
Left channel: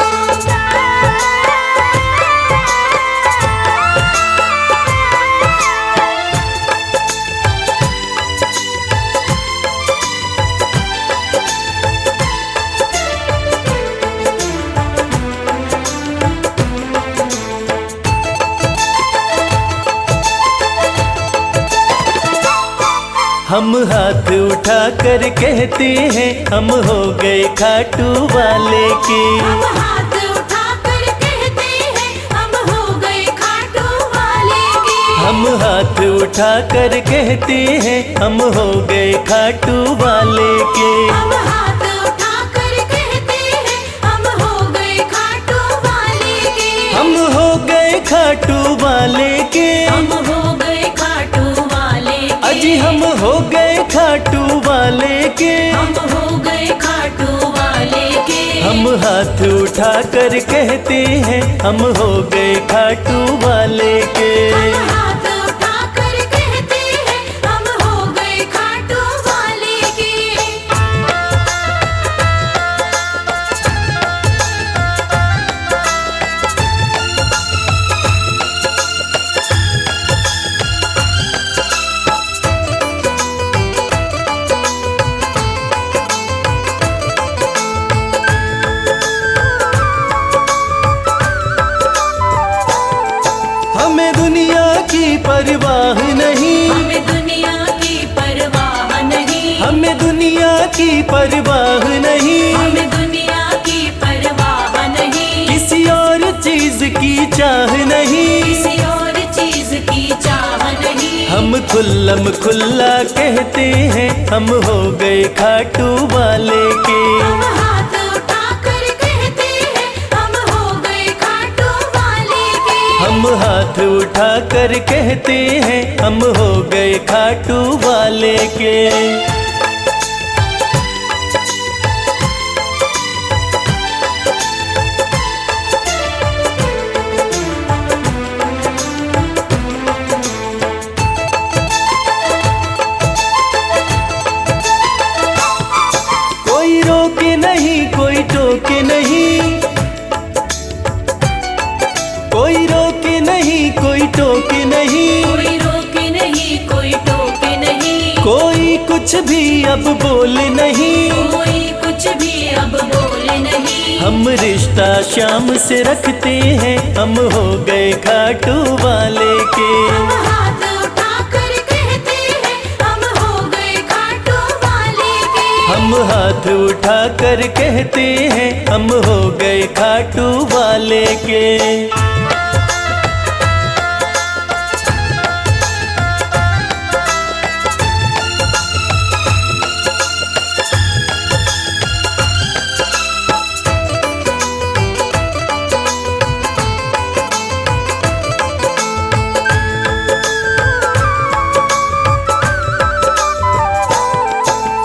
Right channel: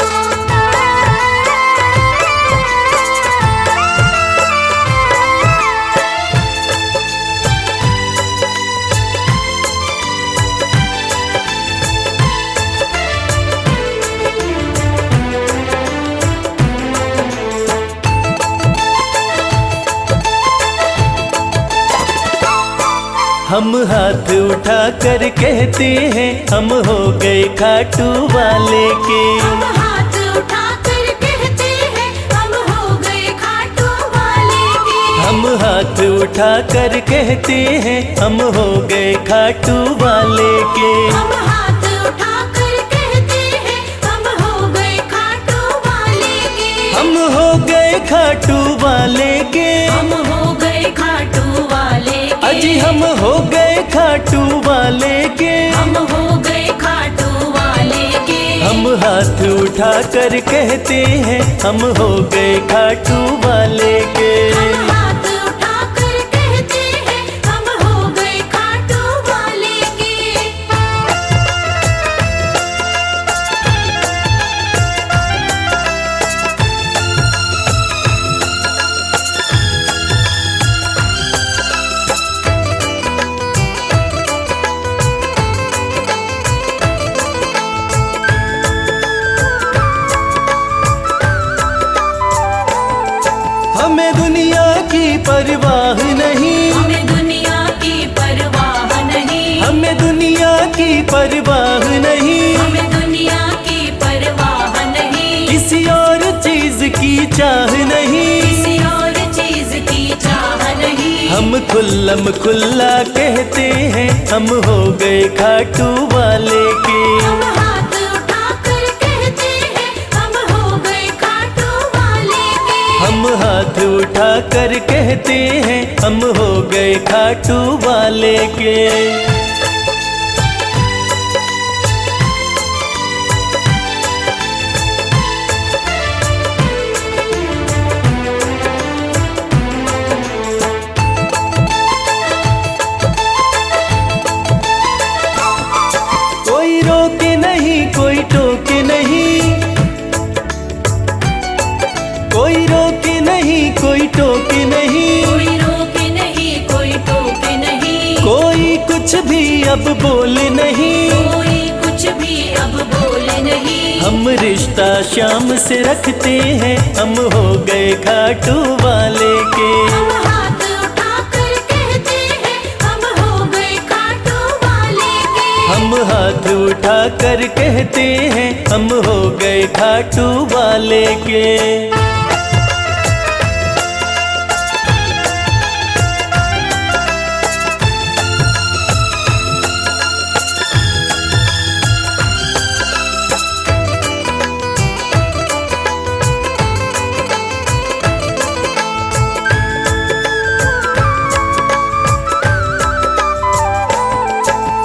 हम हाथ उठा कर कहते हैं हम हो गए खाटू वाले के। हम हाथ उठाकर कहते हैं हम हो गए खाटू वाले के। हम हाथ उठा कर कहते हैं हम हो गए खाटू वाले के। हम हाथ उठाकर कहते हैं हम हो गए खाटू वाले के। हम हो गए खाटू वाले के। हम हो गए खाटू वाले के। अजी हम हो गए खाटू वाले के। हम हो गए खाटू वाले के। हम हाथ उठा कर कहते हैं हम हो गए खाटू वाले के। हम हाथ उठाकर कहते हैं हम हो गए खाटू वाले के। हमें दुनिया की परवाह नहीं। हमें दुनिया की परवाह नहीं। हमें दुनिया की परवाह नहीं। हमें दुनिया की परवाह नहीं। किसी और चीज की चाह नहीं। किसी और चीज की चाह नहीं। हम खुल्लम खुल्ला कहते हैं हम हो गए खाटू वाले के। हम हाथ उठाकर कहते हैं हम हो गए खाटू वाले के। हम हाथ उठा कर कहते हैं हम हो गए खाटू वाले के। कोई रोके नहीं कोई टोके नहीं। कोई रोके नहीं कोई टोके नहीं, कोई रोके नहीं कोई टोके नहीं, कोई कुछ भी अब बोले नहीं। कोई कुछ भी अब बोले नहीं। हम रिश्ता शाम से रखते हैं, हम हो गए खाटू वाले के। हम हाथ उठाकर कहते हैं, हम हो गए खाटू वाले के। हम हाथ उठा कर कहते हैं, हम हो गए खाटू वाले के।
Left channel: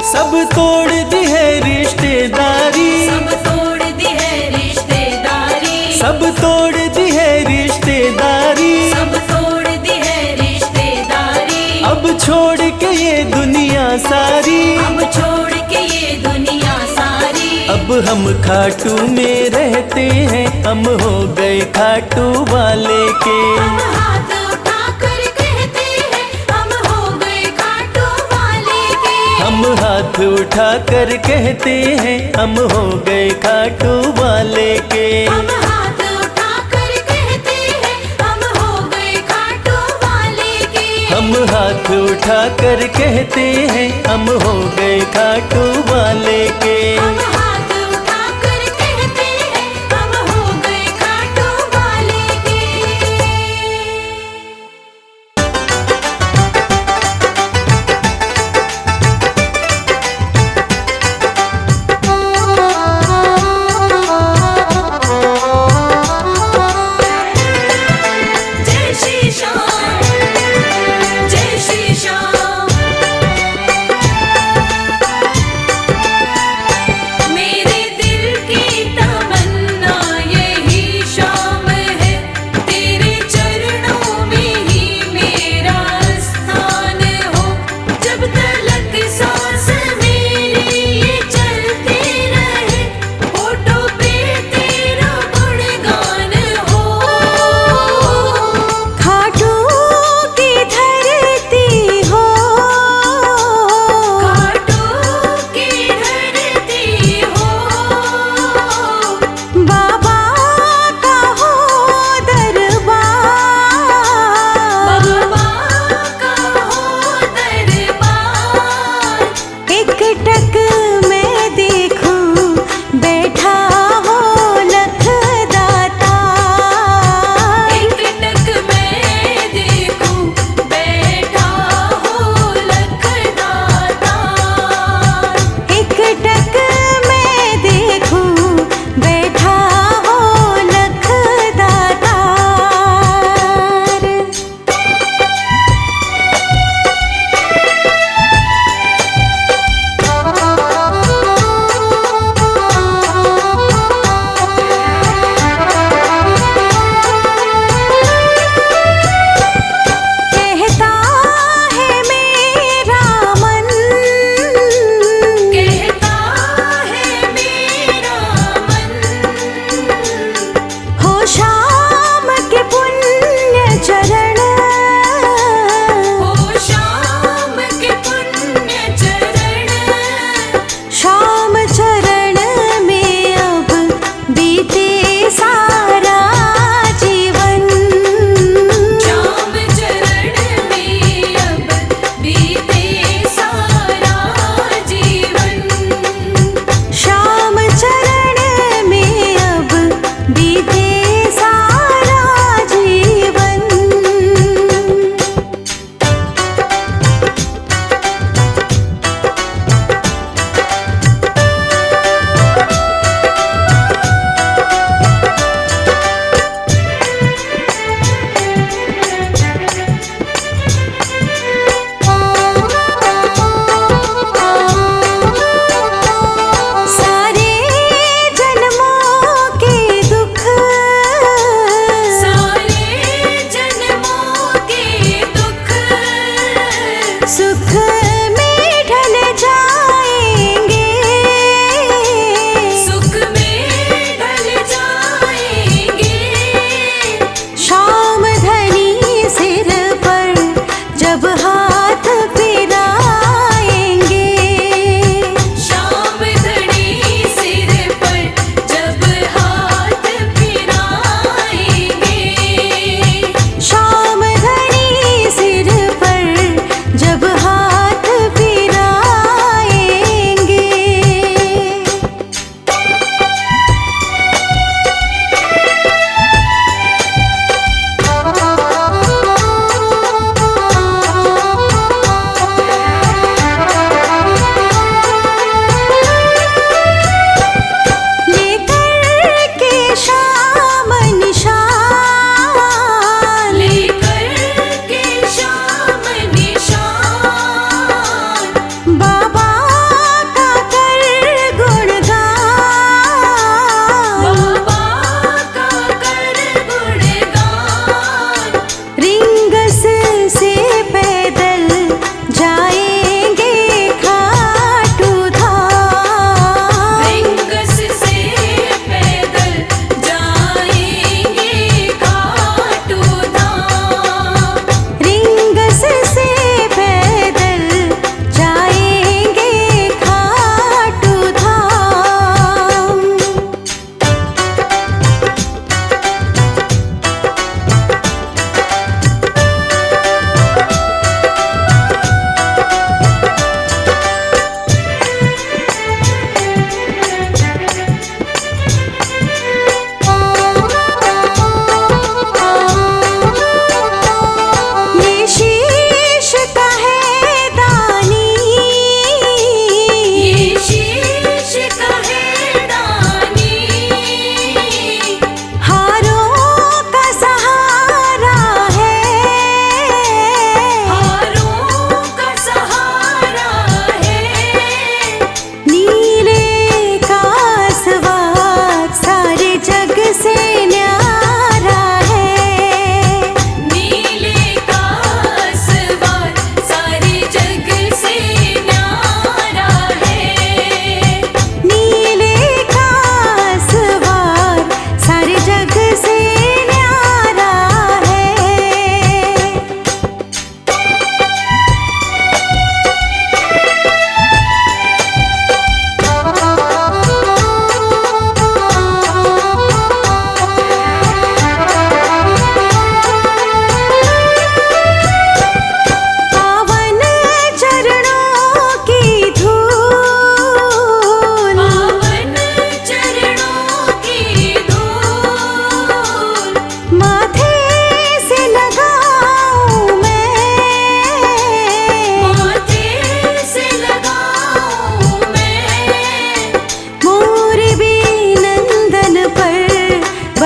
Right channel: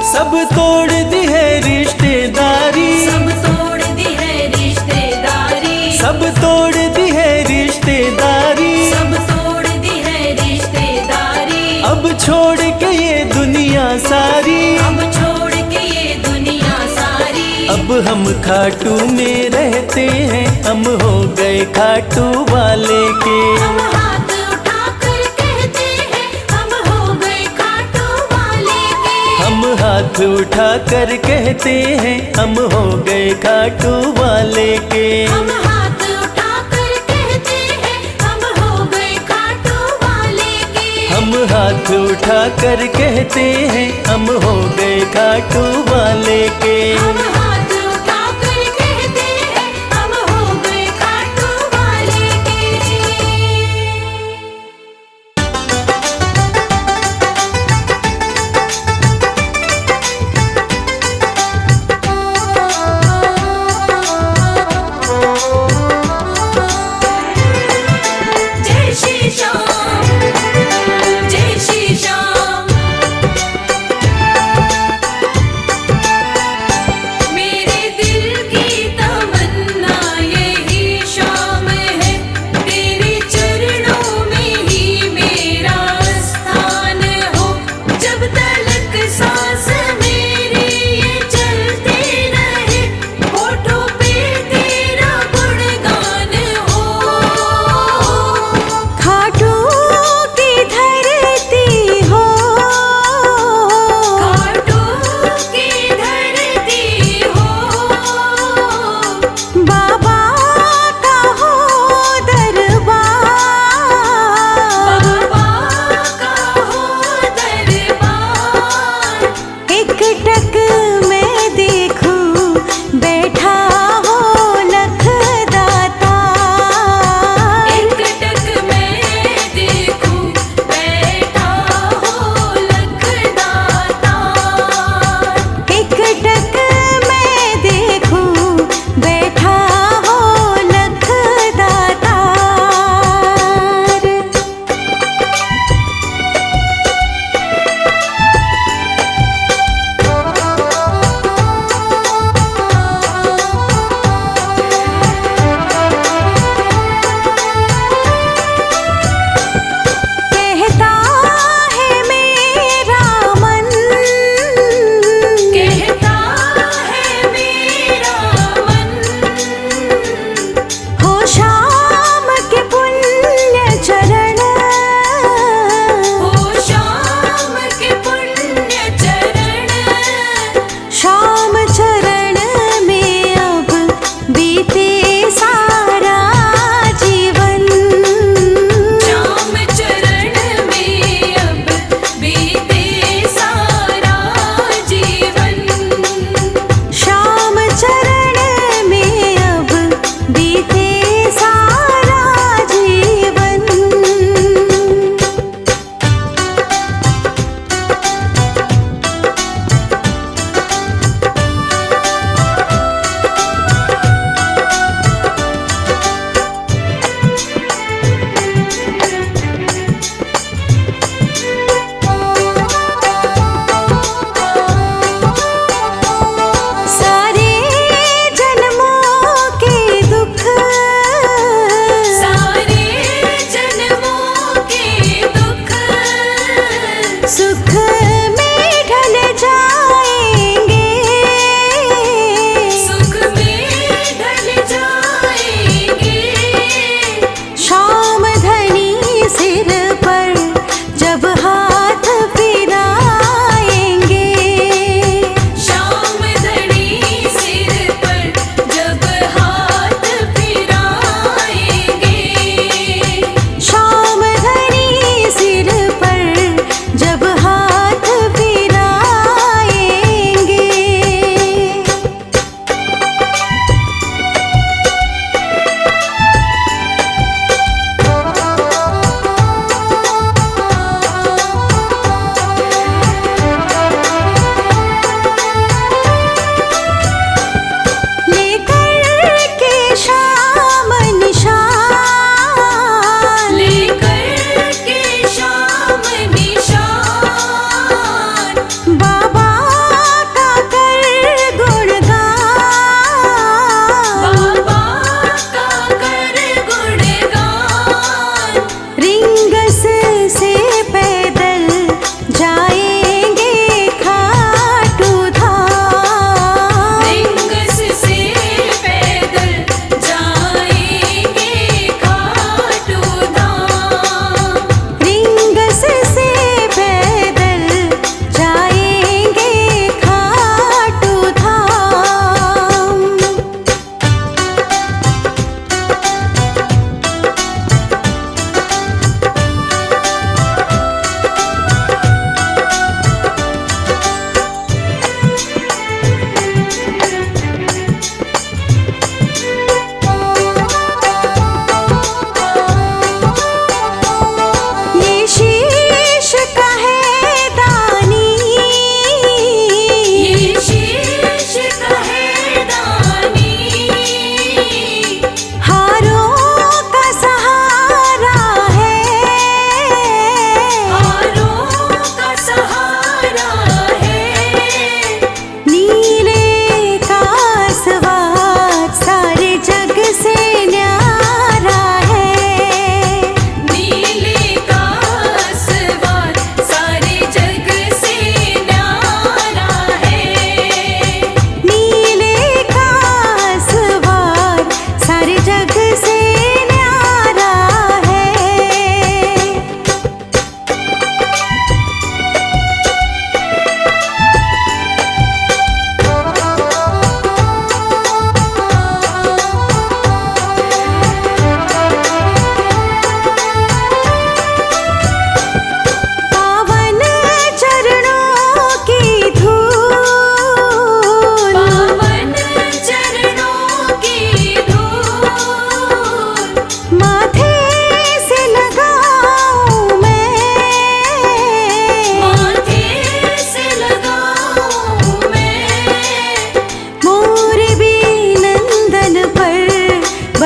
सब तोड़ दी है रिश्तेदारी, सब तोड़ दी है रिश्तेदारी, सब तोड़ दी है रिश्तेदारी। सब तोड़ दी है रिश्तेदारी। अब छोड़ के ये दुनिया सारी, अब छोड़ के ये दुनिया सारी। अब हम खाटू में रहते हैं, हम हो गए खाटू वाले के। हम हाथ उठाकर कहते हैं, हम हो गए खाटू वाले के। हम हाथ उठा कर कहते हैं, हम हो गए खाटू वाले के। हम हाथ उठाकर कहते हैं, हम हो गए खाटू वाले के। हम हाथ उठा कर कहते हैं, हम हो गए खाटू वाले के। हम हाथ उठाकर कहते हैं, हम हो गए खाटू वाले के। जय श्री श्याम, जय श्री श्याम।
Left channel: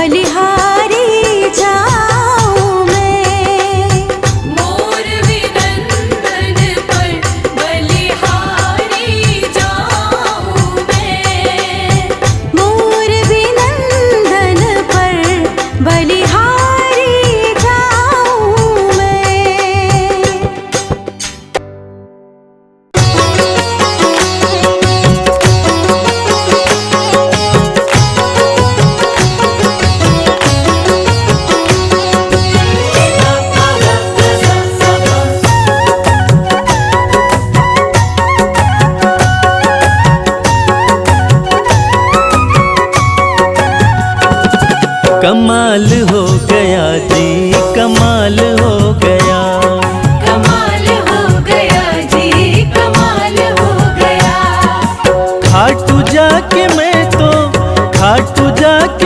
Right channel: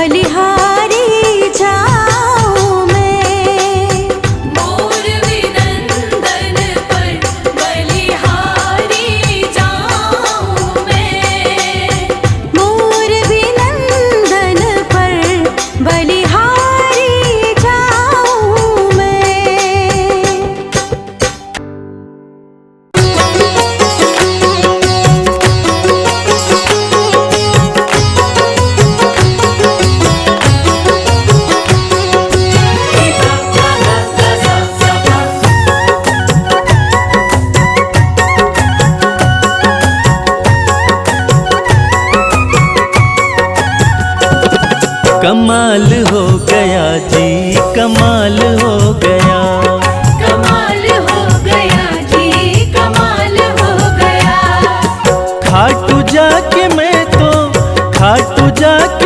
बलिहारी जाऊं मैं। मोर विनंदन पर बलिहारी जाऊं मैं। मोर विनंदन पर बलिहारी जाऊं मैं। कमाल हो गया जी, कमाल हो गया। कमाल हो गया जी, कमाल हो गया। खाटू जाके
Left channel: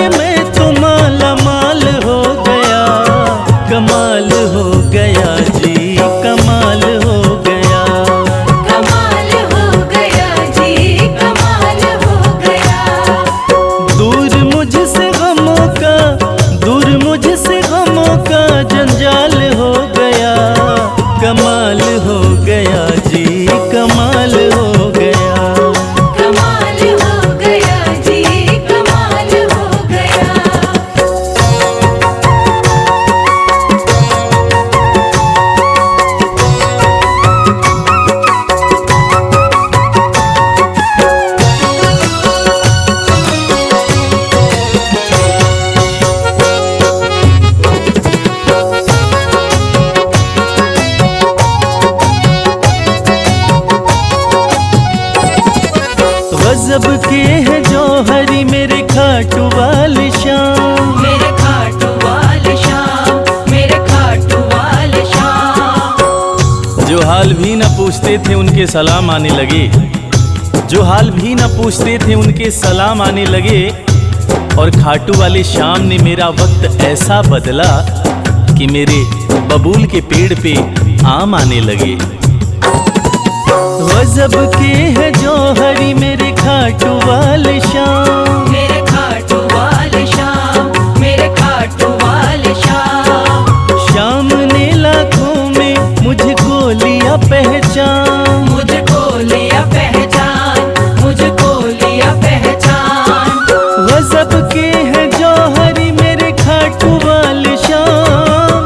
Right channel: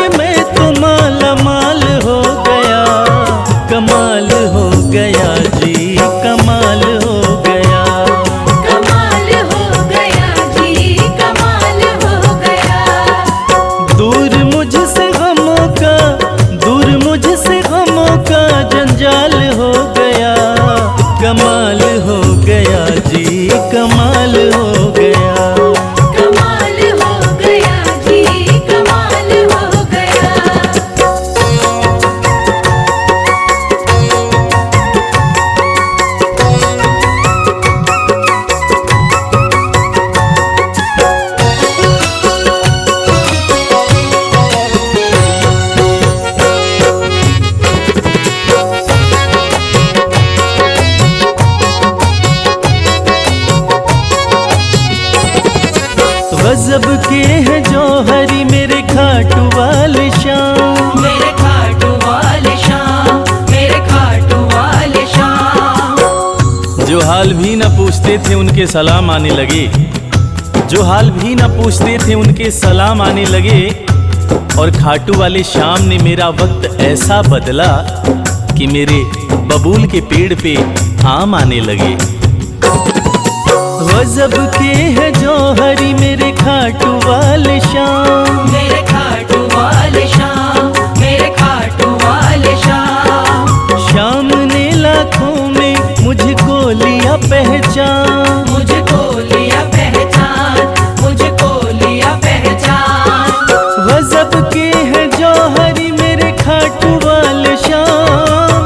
मैं तो माला माल हो गया। कमाल हो गया जी, कमाल हो गया। कमाल हो गया जी, कमाल हो गया। दूर मुझसे गमों का जंजाल हो गया। कमाल हो गया जी, कमाल हो गया। कमाल हो गया जी, कमाल हो गया। गजब के हैं जौहरी मेरे खाटू वाले श्याम। मेरे खाटू वाले श्याम, मेरे खाटू वाले श्याम। जो हाल भी न पूछते थे उनके सलाम आने लगे। जो हाल भी न पूछते थे उनके सलाम आने लगे। और खाटू वाले श्याम ने मेरा वक्त ऐसा बदला कि मेरे बबूल के पेड़ पे आम आने लगे। गजब के हैं जौहरी मेरे खाटू वाले श्याम। मेरे खाटू वाले श्याम, मेरे खाटू वाले श्याम। श्याम ने लाखों में मुझको लिया पहचान। मुझको लिया पहचान, मुझको लिया पहचान। गजब के हैं जौहरी मेरे खाटू वाले श्याम।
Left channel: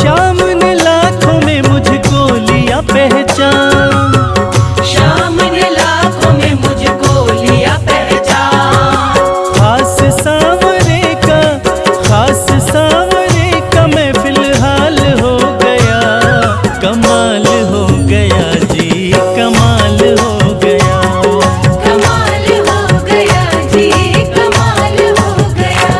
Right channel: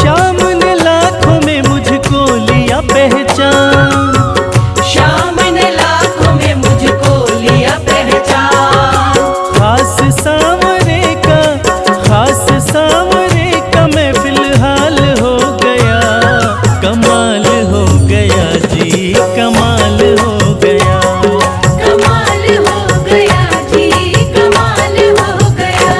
श्याम ने लाखों में मुझको लिया पहचान। श्याम ने लाखों में मुझको लिया पहचान। खास सांवरे का मैं फिलहाल हो गया। कमाल हो गया जी, कमाल हो गया। कमाल हो गया जी, कमाल हो गया।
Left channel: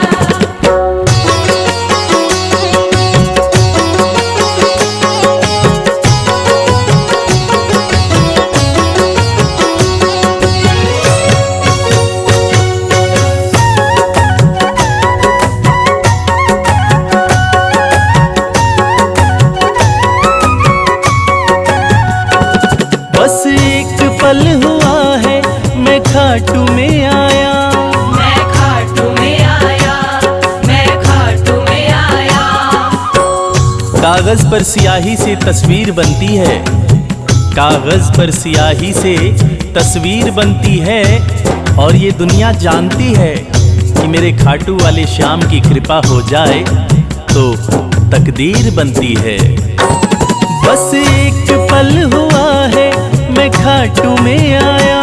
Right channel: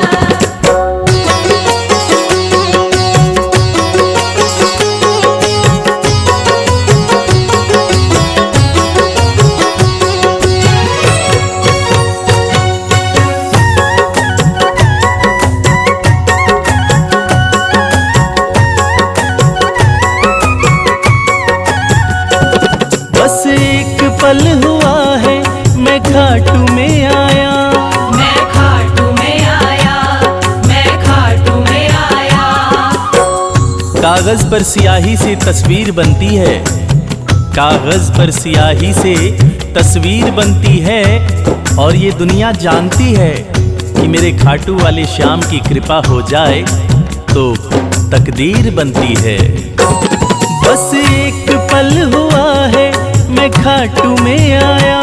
बस एक पल हुआ है मैं खाटू में आया। मैं खाटू में आया, मैं खाटू में आया। कागज पर स्याही से तस्वीर बनती है। कागज पर स्याही से तस्वीर बनती है। और ये दुनिया जानती है कि मेरे खाटू वाले श्याम की कृपा हो जाए तो तकदीर बनती है। बस एक पल हुआ है मैं खाटू में आया।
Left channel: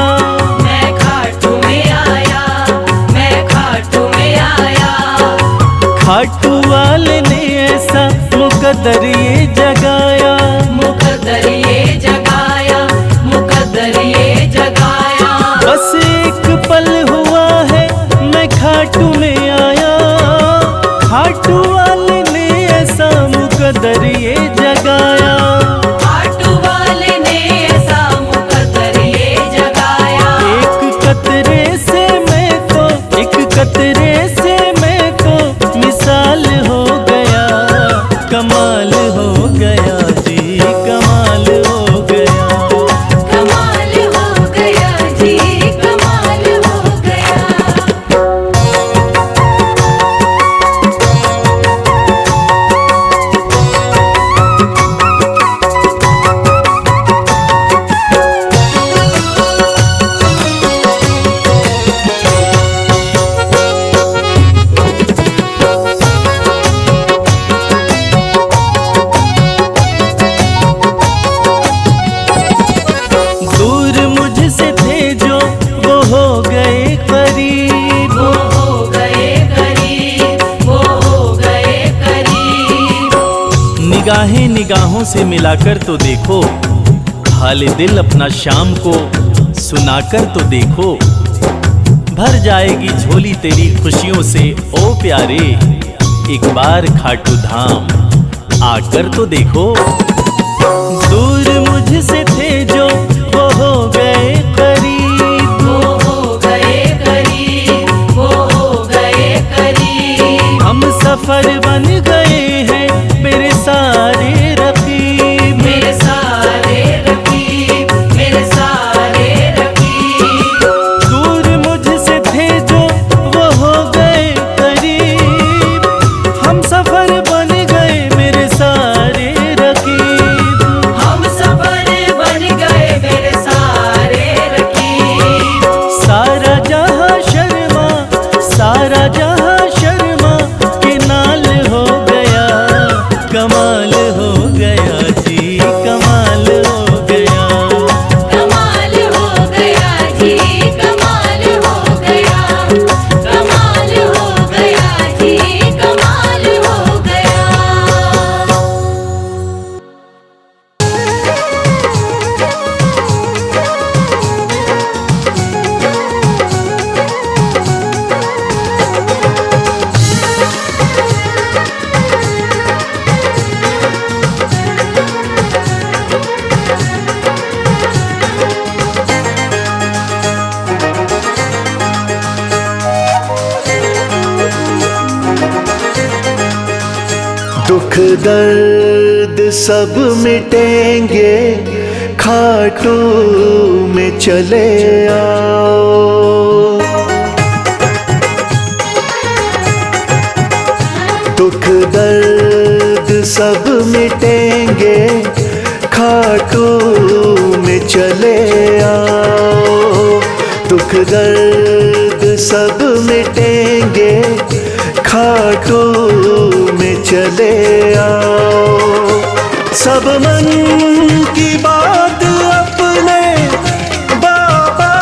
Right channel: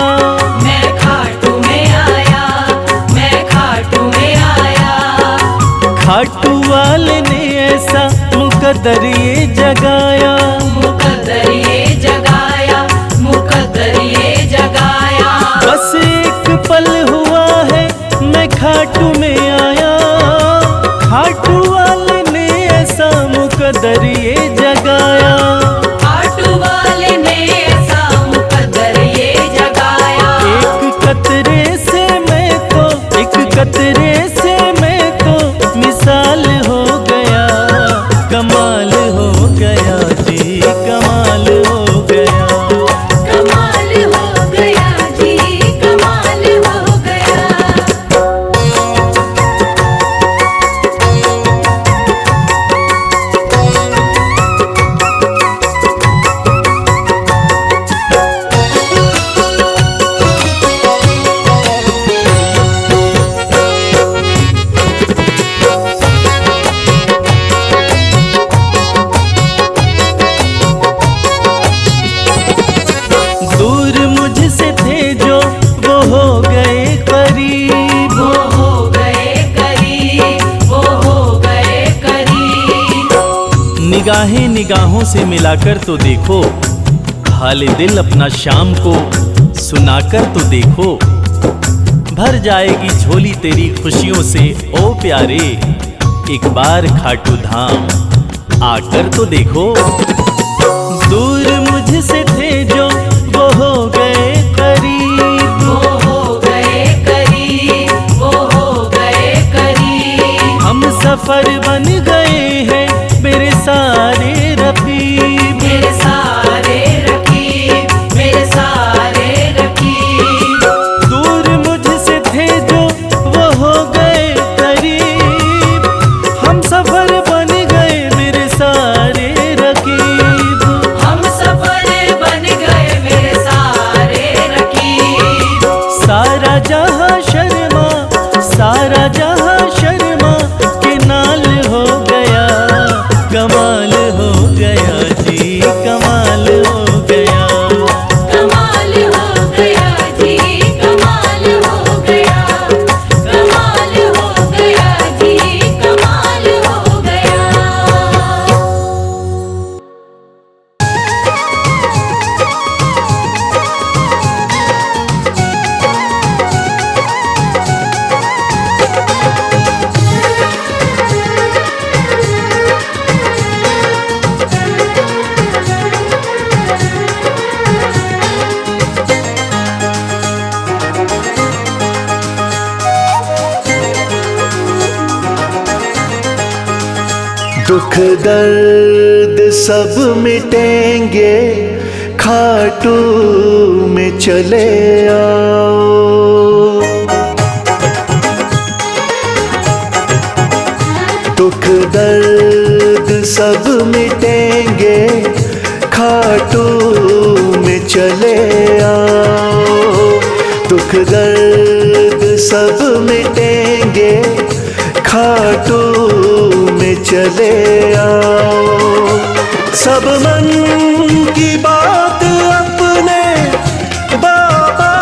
मैं खाटू में आया, मैं खाटू में आया। खाटू वाले ने ऐसा मुकद्दर ये जगाया। मुकद्दर ये जगाया, मुकद्दर ये जगाया। बस एक पल हुआ है मैं खाटू में आया। खाटू वाले ने ऐसा मुकद्दर ये जगाया। खाटू वाले ने ऐसा मुकद्दर ये जगाया। एक कतरे से मैं तो मिसाल हो गया। कमाल हो गया जी, कमाल हो गया। कमाल हो गया जी, कमाल हो गया। वो हो गए करीब, वो हो गए करीब। निगाहें निगाहों से मिलाकर तो देखो, हाले दिल अपना शाम को सुनाकर तो देखो। भर जाएगी झोली तेरी खुशियों से ओ प्यारे, एक बार खाटू धाम आकर तो देखो। दूर मुझसे थे जो वो हो गए करीब, वो हो गए करीब, वो हो गए करीब। हम सफर बन गए हैं मेरे सारे रकीब। मेरे सारे रकीब, मेरे सारे रकीब। दूर मुझसे थे जो वो हो गए करीब, हम सफर बन गए मेरे सारे रकीब। हम सफर बन गए मेरे सारे रकीब। सारा जहां शर्मा, सारा जहां शर्मा के नाल हो गया, कमाल हो गया जी, कमाल हो गया। कमाल हो गया जी, कमाल हो गया। कमाल हो गया जी, कमाल हो गया। दुख दर्द सब मिटेंगे, खाटू में चले आओ। दुख दर्द सब मिटेंगे, खाटू में चले आओ। दुख दर्द सब मिटेंगे, खाटू में चले आओ। सब मन की बात अपने बाबा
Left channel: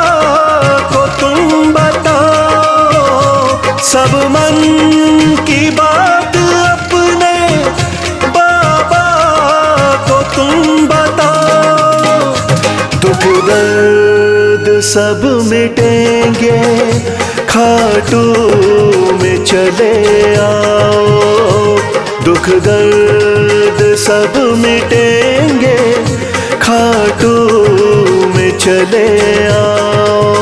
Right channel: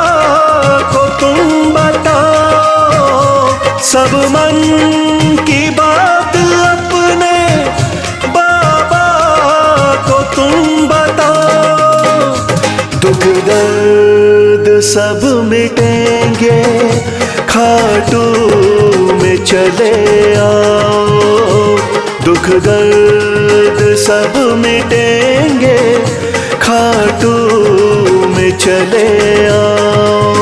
को तुम बताओ। सब मन की बात अपने बाबा को तुम बताओ। दुख दर्द सब मिटेंगे, खाटू में चले आओ। दुख दर्द सब मिटेंगे, खाटू में चले आओ।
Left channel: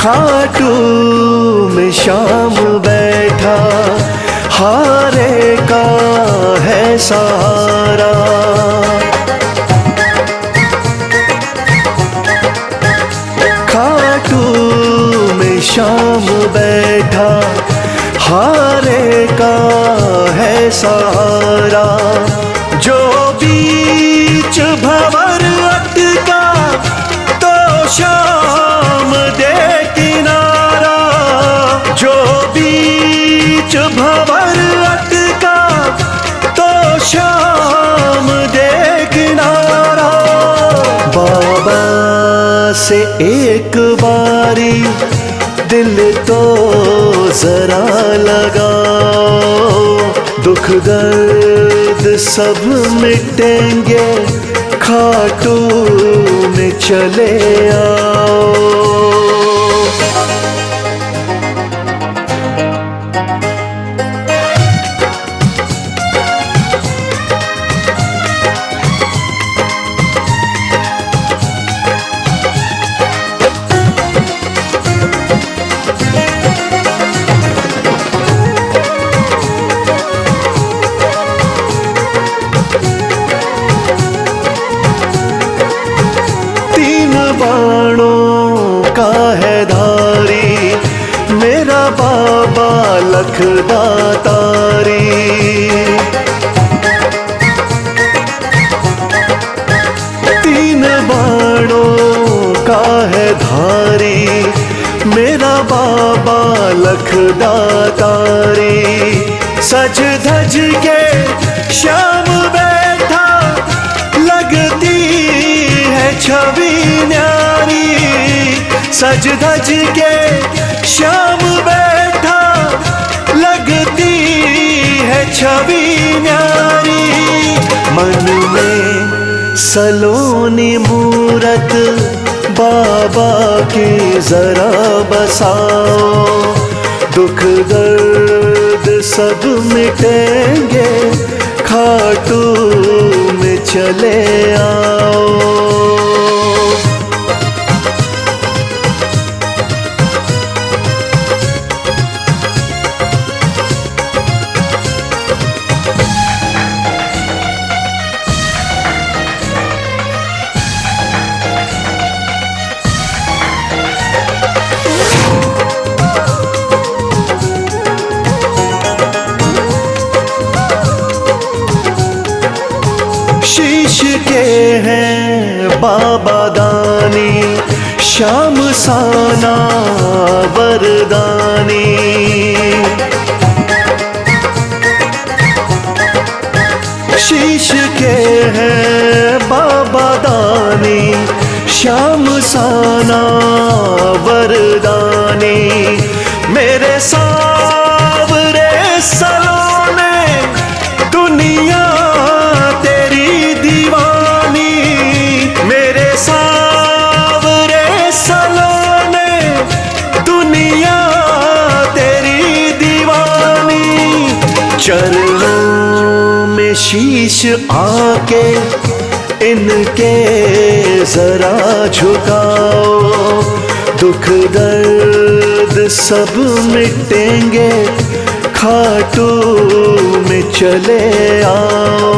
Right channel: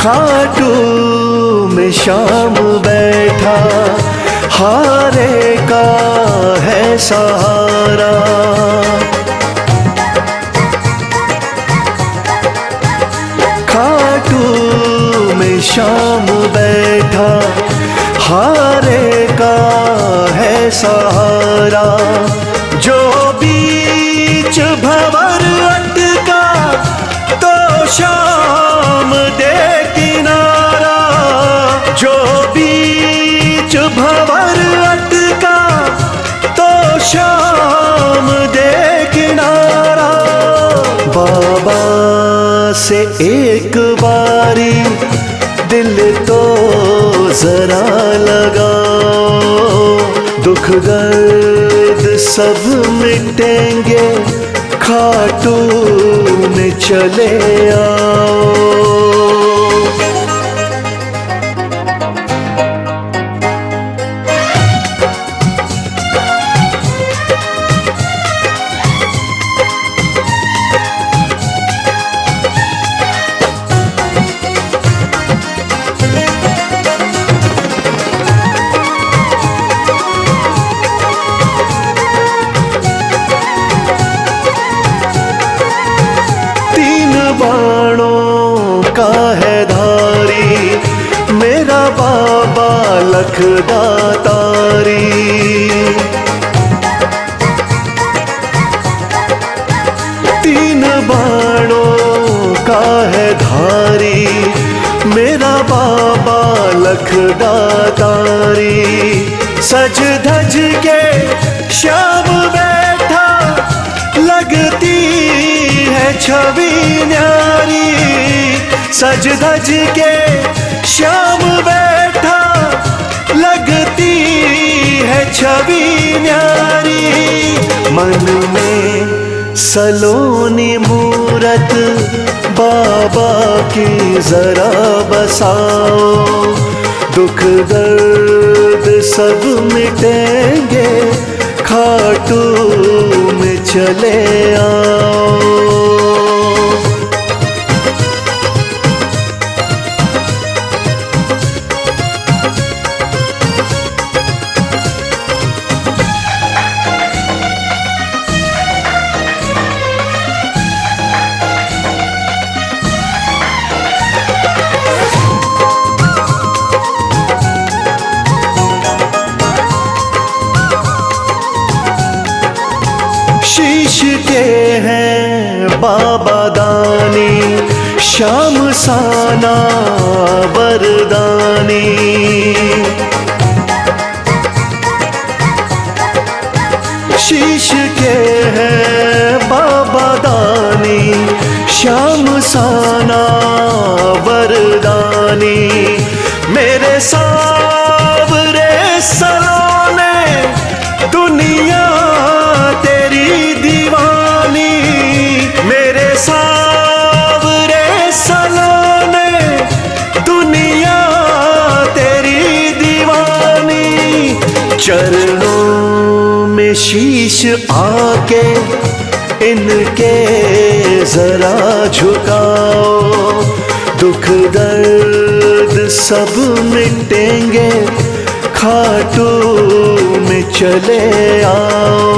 खाटू में शाम बैठा, हारे का है सहारा। खाटू में शाम बैठा, हारे का है सहारा। जो बीच भंवर अटका, तो शाम दे किनारा। जो बीच भंवर अटका, तो शाम दे किनारा। बाबा से एक बारी दिल तो जरा लगाओ। दुख दर्द सब मिटेंगे, खाटू में चले आओ। बाणों का है धारी मेरा बाबा लखदातारी। तीन बाणों का है धारी मेरा बाबा लखदातारी। सज धज के श्याम बैठा लगती है छवि न्यारी। सज धज के श्याम बैठा लगती है छवि न्यारी। मन में सलोनी मूरत बाबा की जरा बसाओ। दुख दर्द सब मिटेंगे खाटू में चले आओ। शीश के हैं बाबा दानी श्याम साना वरदानी। शीश के हैं बाबा दानी श्याम साना वरदानी। मेरे सावरे सलोने दुनिया तेरी दीवानी। मेरे सावरे सलोने दुनिया तेरी दीवानी। चरणों में शीश आके इनके जरा झुकाओ। दुख दर्द सब मिटेंगे खाटू में चले आओ।